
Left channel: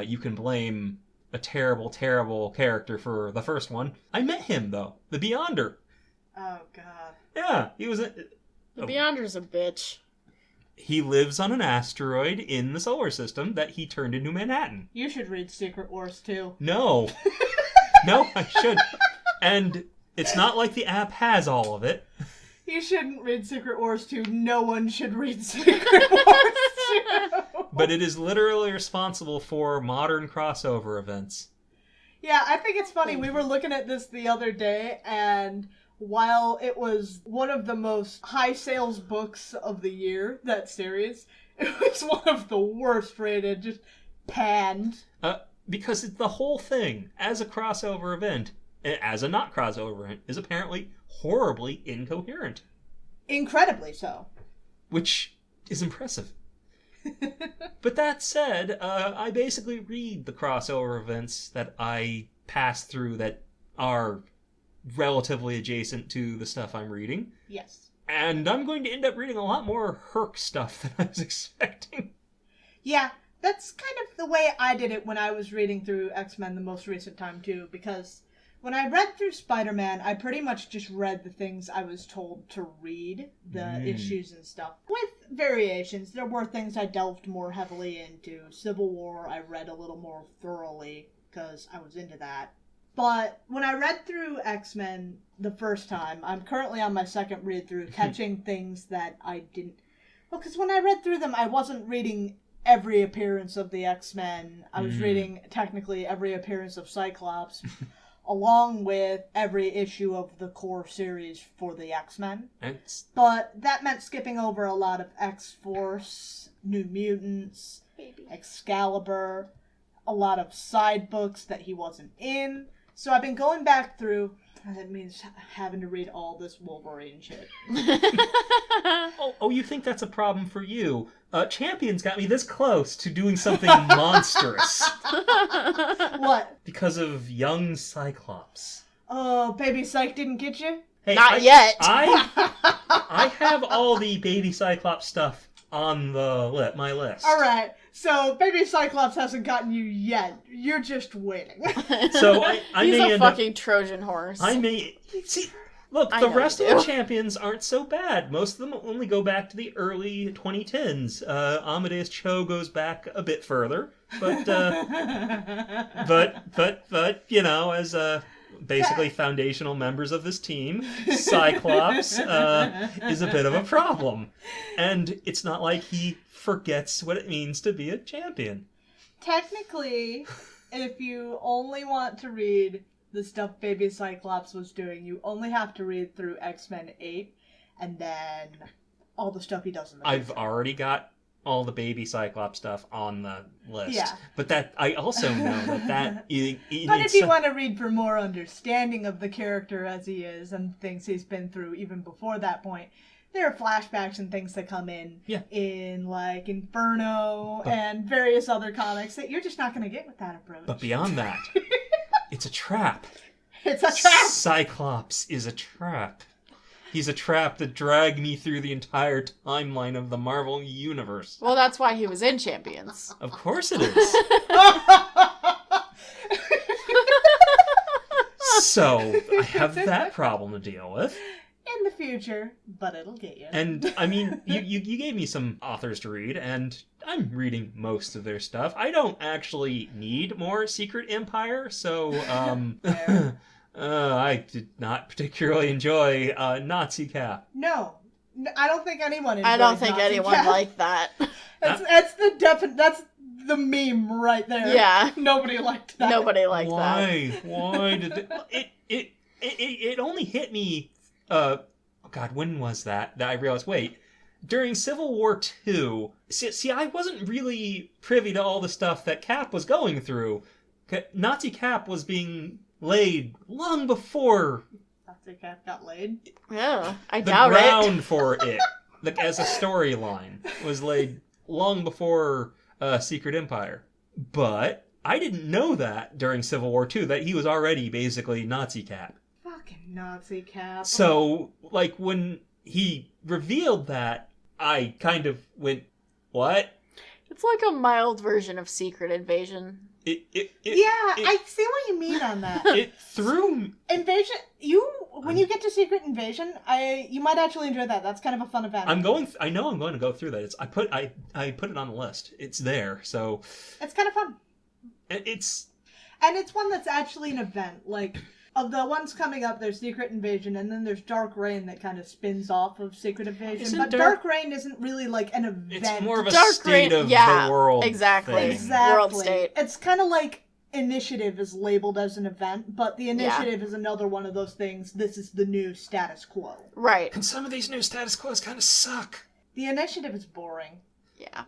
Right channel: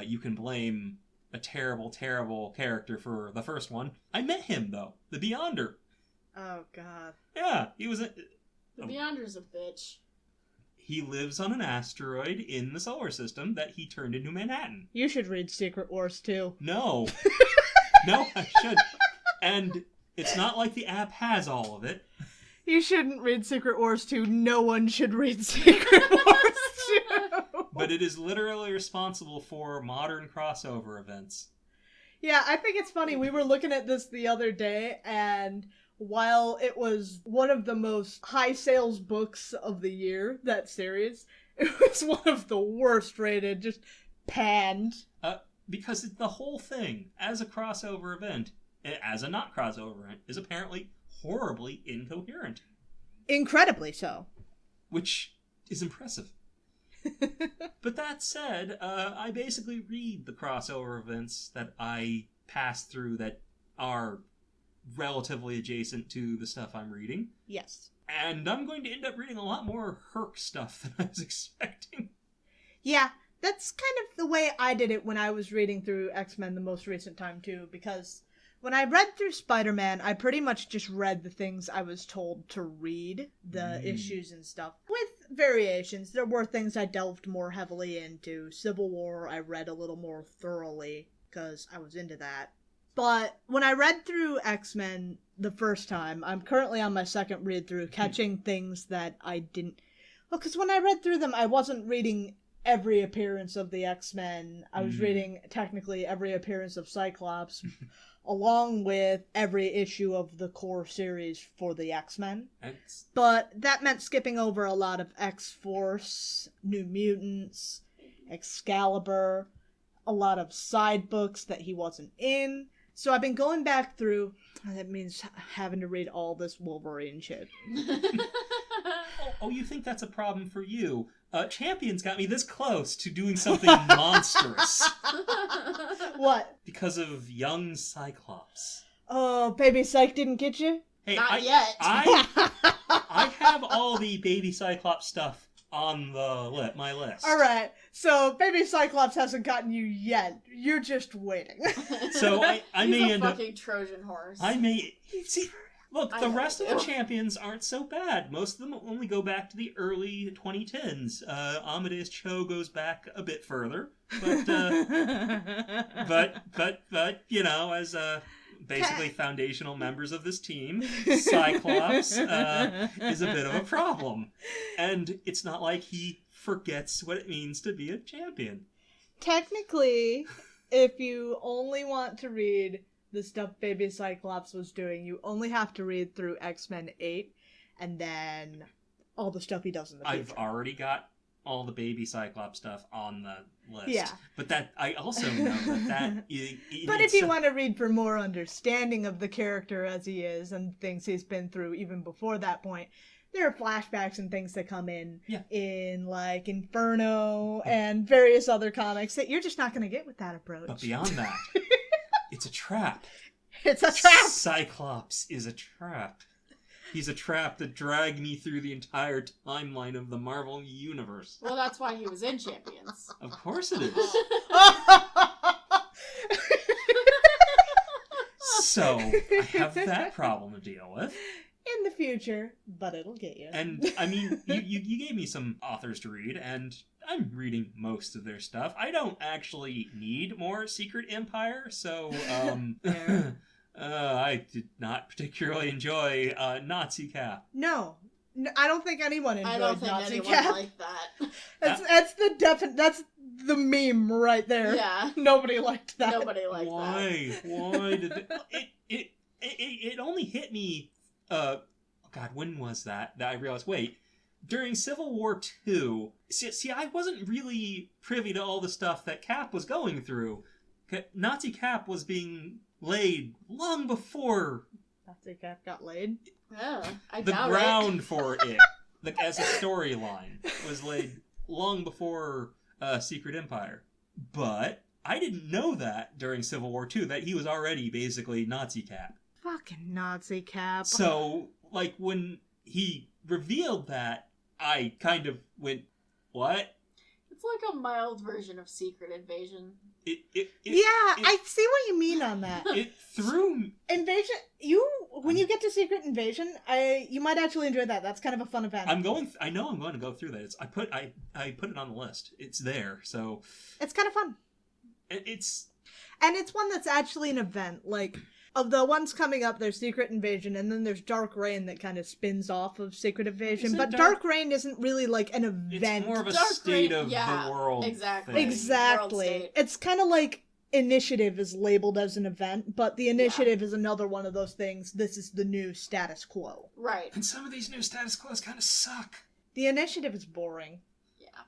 You can blame a terrible, terrible character for the first one. I met him, though. The Beyonder. Oh, God. Yeah, he was... The Beyonder's a bitch. He lives on an asteroid in the solar system that he turned into Manhattan. You should read Secret Wars, too. No. No, I should. And it's not like the app has all of it. You shouldn't read Secret Wars 2. No one should read Secret Wars 2. But it is literally responsible for modern crossover events. Yeah, I think it's funny. We were looking at this the other day, and while it was one of the most high sales books of the year, that series, it was one of the worst rated, just panned. Because the whole thing, as a crossover event, as a not crossover event, is apparently horribly incoherent. Incredibly so. Which is impressive. But that said, I basically read the crossover events that I pass through that are relatively adjacent to the stuff I'm reading. Yes. And I'm going to end up reading a lot more Herc stuff than I was expecting. Yeah, that's kind of the way I did it when I was reading through X-Men the most recent time, too, because when I read through Spider-Man, I pretty much just read the things I was told to read, the issues and stuff, with variations. There were things I delved more heavily into. Civil War, I read a little more thoroughly, because I was into that. But when I read through X-Men the first time, I'm currently on my second read-through, catching things that I didn't... Well, because when I read through them, I wasn't reading every appearance of the X-Men. I was reading, technically, every appearance of Cyclops, along with every issue of the core series for the X-Men. But that meant skipping over a lot of X-Force, New Mutants, Excalibur, a lot of side books that he wasn't in. So I've been going back through. That means having to read all this Wolverine shit. Oh, you think that's a problem for you? Champions got me this close to doing something monstrous. What? Because of young Cyclops. Oh, Baby Psych didn't get you? Hey, Not yet. I have all the Baby Cyclops stuff on my list. All right. So Baby Cyclops hasn't gotten you yet. You're just waiting. So I He's may a end fucking Trojan horse. I may see. Look, the rest of the champions aren't so bad. Most of them only go back to the early 2010s. Amadeus Cho goes back a bit further, but you know, as basically foundational members of this team, Cyclops is a bit of a problem, and it's not like he forgets what it means to be a champion. Technically, if you only want to read the stuff Baby Cyclops was doing, you only have to read through X-Men 8, and then all the stuff he does in the I've future. already got all the Baby Cyclops stuff on the list. Yeah. But that I also know that But if you want to read for more understanding of the character as he is and things he's been through even before that point, there are flashbacks and things that come in like Inferno and various other comics that you're just not going to get with that approach. But beyond that, it's a trap. It's a trap! Cyclops is a trap. He's a trap that dragged me through the entire timeline of the Marvel Universe. Well, that's why he was in Champions. Of course it is. So, I have that problem to deal with. In the future, but it'll get you. And, I mean, you gave me some authors to read, and I'm reading most of their stuff. I don't actually need more Secret Empire, so, I did not particularly enjoy Nazi Cap. No, I don't think anyone enjoyed I don't think Nazi anyone Cap. liked that. That's the meme right there. Yeah. Nobody liked that. Nobody liked that. Why did it only hit me, God, when was that I realized, wait, during Civil War II, see, I wasn't really privy to all the stuff that Cap was going through. Nazi Cap was being laid long before Nazi Cap got laid. Yeah, I the doubt ground it. for it, as a storyline, was laid long before Secret Empire. But I didn't know that during Civil War II, that he was already basically Nazi Cap. Fucking Nazi Cap. So, like, when he revealed that, I kind of went, what? It's like a mild version of Secret Invasion. I see what you mean on that. It threw... Invasion, when you get to Secret Invasion, you might actually enjoy that. That's kind of a fun event. I know I'm going to go through that. I put it on the list. It's there, so... It's kind of fun. It's... And it's one that's actually an event. Like, Of the ones coming up, there's Secret Invasion, and then there's Dark Reign that kind of spins off of Secret Invasion. Isn't But Dark Reign isn't really like an event. It's more of a Dark state Reign- of yeah, the world. exactly. thing. Exactly. World state. It's kind of like Initiative is labeled as an event, but the Initiative is another one of those things. This is the new status quo. Right. And some of these new status quos kind of suck. The Initiative is boring. Yeah.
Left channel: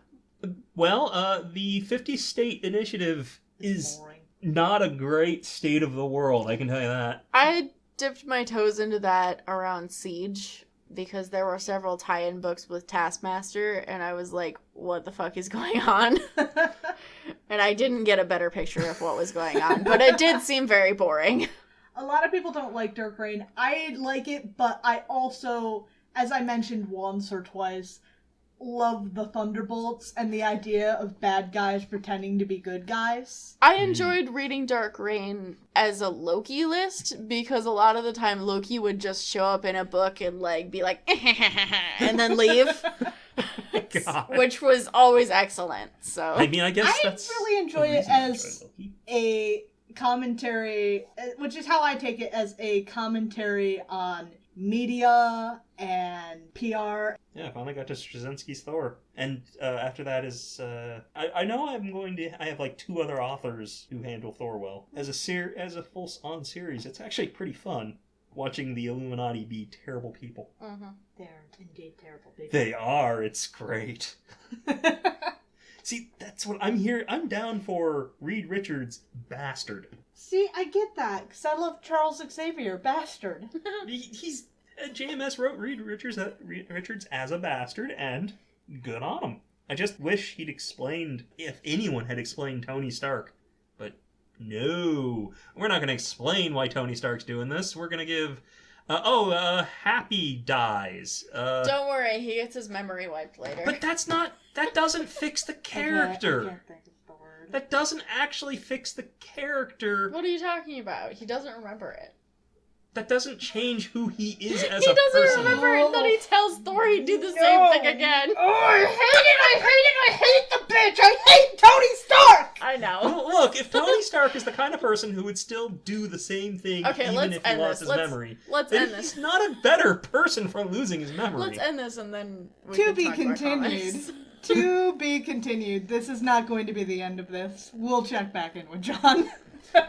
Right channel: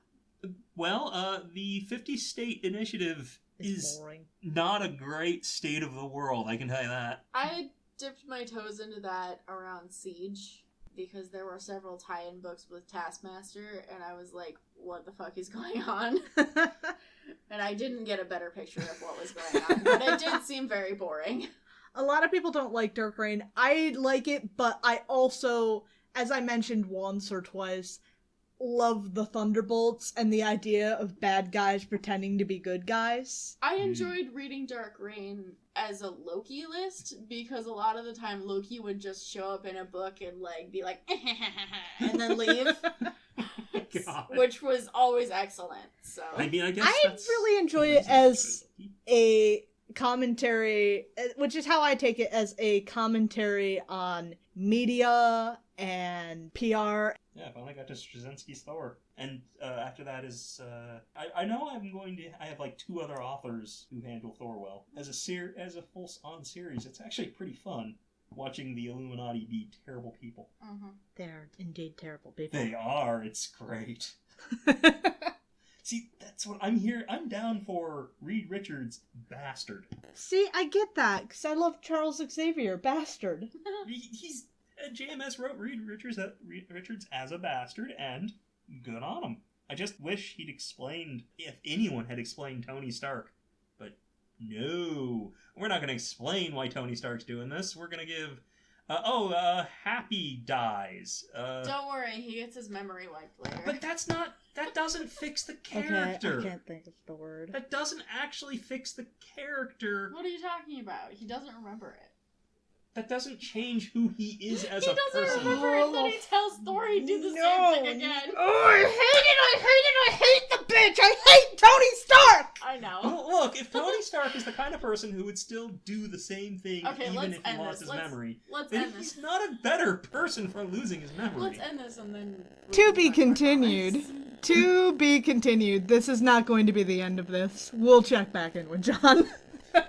Well, the 50-state initiative It's is boring. not a great state of the world, I can tell you that. I dipped my toes into that around Siege because there were several tie-in books with Taskmaster, and I was like, what the fuck is going on? And I didn't get a better picture of what was going on, but it did seem very boring. A lot of people don't like Dark Reign. I like it, but I also, as I mentioned once or twice, love the Thunderbolts and the idea of bad guys pretending to be good guys. I enjoyed reading Dark Reign as a Loki list because a lot of the time Loki would just show up in a book and like be like and then leave. God. Which was always excellent. So I mean, I guess I that's really enjoy the it reason I as enjoy Loki. a commentary, which is how I take it, as a commentary on media and PR. Yeah, I finally got to Straczynski's Thor. And after that is... I know I have like 2 other authors who handle Thor well. As a full-on series, it's actually pretty fun watching the Illuminati be terrible people. They're indeed terrible people. They are. It's great. See, that's what I'm here. I'm down for Reed Richards' Bastard. See, I get that, because I love Charles Xavier, Bastard. He's... JMS wrote Reed Richards as a bastard, and good on him. I just wish he'd explained, if anyone had explained Tony Stark. But no, we're not going to explain why Tony Stark's doing this. We're going to give... Happy dies. don't worry, he gets his memory wiped later. But that doesn't fix the character. I can't think of the word. That doesn't actually fix the character. What are you talking about? He doesn't remember it. That doesn't change who he is as He a person. doesn't remember it, and then he tells Thor he'd do the same thing again. Oh, I hate the bitch! I hate Tony Stark! I know. Well, look, if Tony Stark is the kind of person who would still do the same thing Okay, even let's if he end lost this. his memory, Let's then end this. he's not a better person for losing his memory. Let's end this and then we To can be talk about continued. comics. To be continued. This is not going to be the end of this. We'll check back in with John.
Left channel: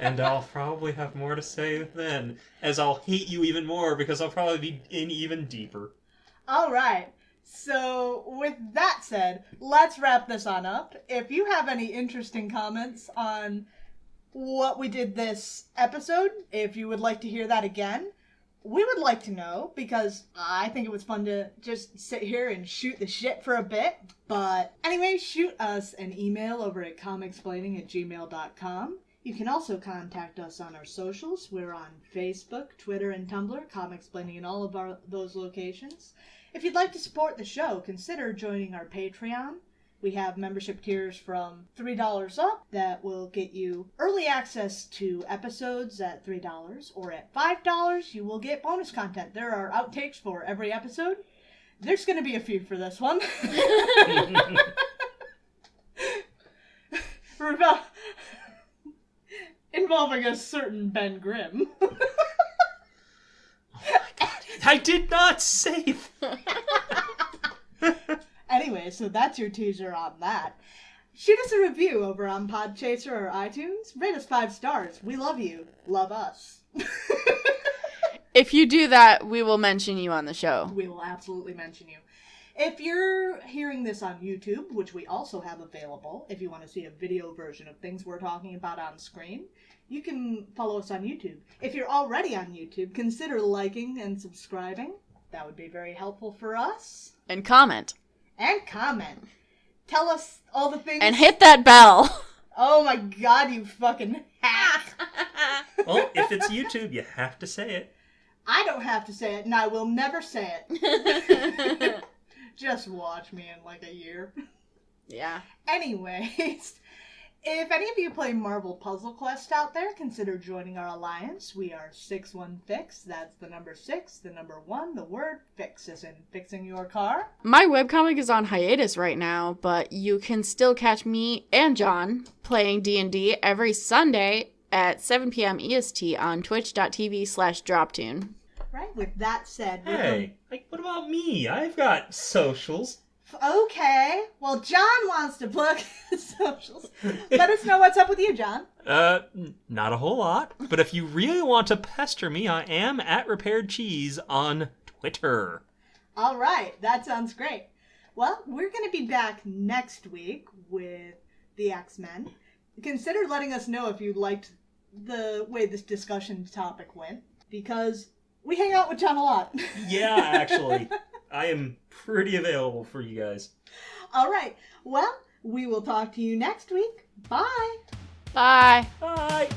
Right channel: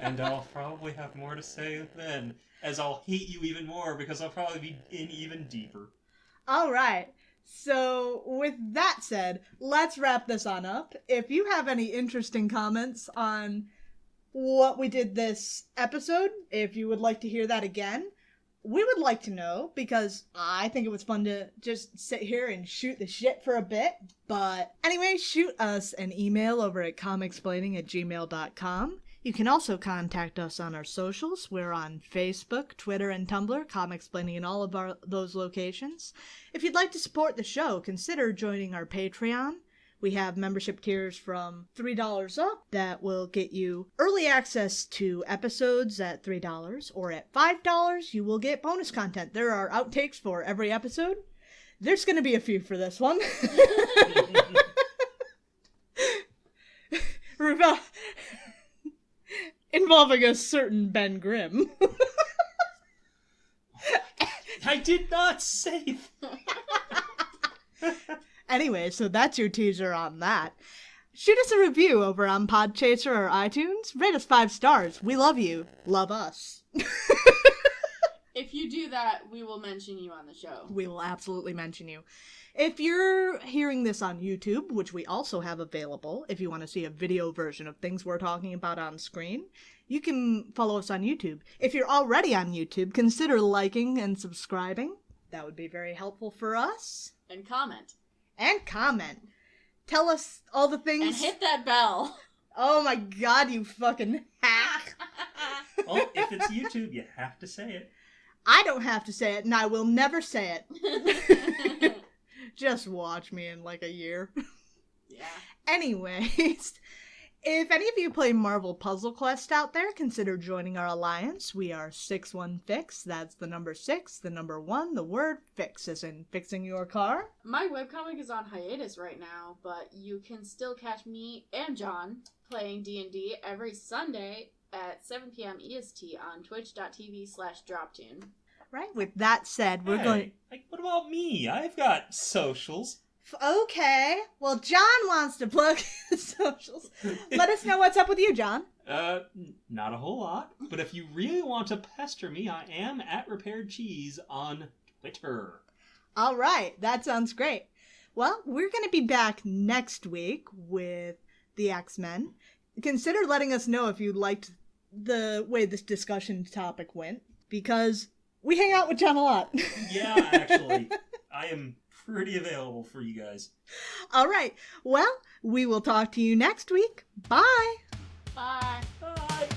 And I'll probably have more to say then, as I'll hate you even more because I'll probably be in even deeper. Alright, so with that said, let's wrap this on up. If you have any interesting comments on what we did this episode, if you would like to hear that again, we would like to know, because I think it was fun to just sit here and shoot the shit for a bit. But anyway, shoot us an email over at comicsplaining@gmail.com. You can also contact us on our socials. We're on Facebook, Twitter, and Tumblr, Comicsplaining in all of those locations. If you'd like to support the show, consider joining our Patreon. We have membership tiers from $3 up that will get you early access to episodes at $3, or at $5 you will get bonus content. There are outtakes for every episode. There's going to be a few for this one. Involving a certain Ben Grimm. I did not say that. Anyway, so that's your teaser on that. Shoot us a review over on Podchaser or iTunes. Rate us 5 stars. We love you. Love us. If you do that, we will mention you on the show. We will absolutely mention you. If you're hearing this on YouTube, which we also have available, if you want to see a video version of things we're talking about on screen, you can follow us on YouTube. If you're already on YouTube, consider liking and subscribing. That would be very helpful for us. And comment. And comment. Tell us all the things. And hit that bell. Oh my god, you fucking hack. Well, if it's YouTube, you have to say it. I don't have to say it, and I will never say it. Just watch me in like a year. Yeah. Anyways, if any of you play Marvel Puzzle Quest out there, consider joining our alliance. We are 615. That's the number 6, the number 1, the word fix, as in fixing your car. My webcomic is on hiatus right now, but you can still catch me and John playing D&D every Sunday at 7 p.m. EST on twitch.tv/droptune. Right, with that said, we're going... Hey, what about me? I've got socials. Okay, well, John wants to plug his socials. Let us know what's up with you, John. Not a whole lot. But if you really want to pester me, I am at Repaired Cheese on Twitter. All right, that sounds great. Well, we're going to be back next week with the X-Men. Consider letting us know if you liked the way this discussion topic went, because we hang out with John a lot. Yeah, actually. I am pretty available for you guys. All right. Well, we will talk to you next week. Bye. Bye. Bye.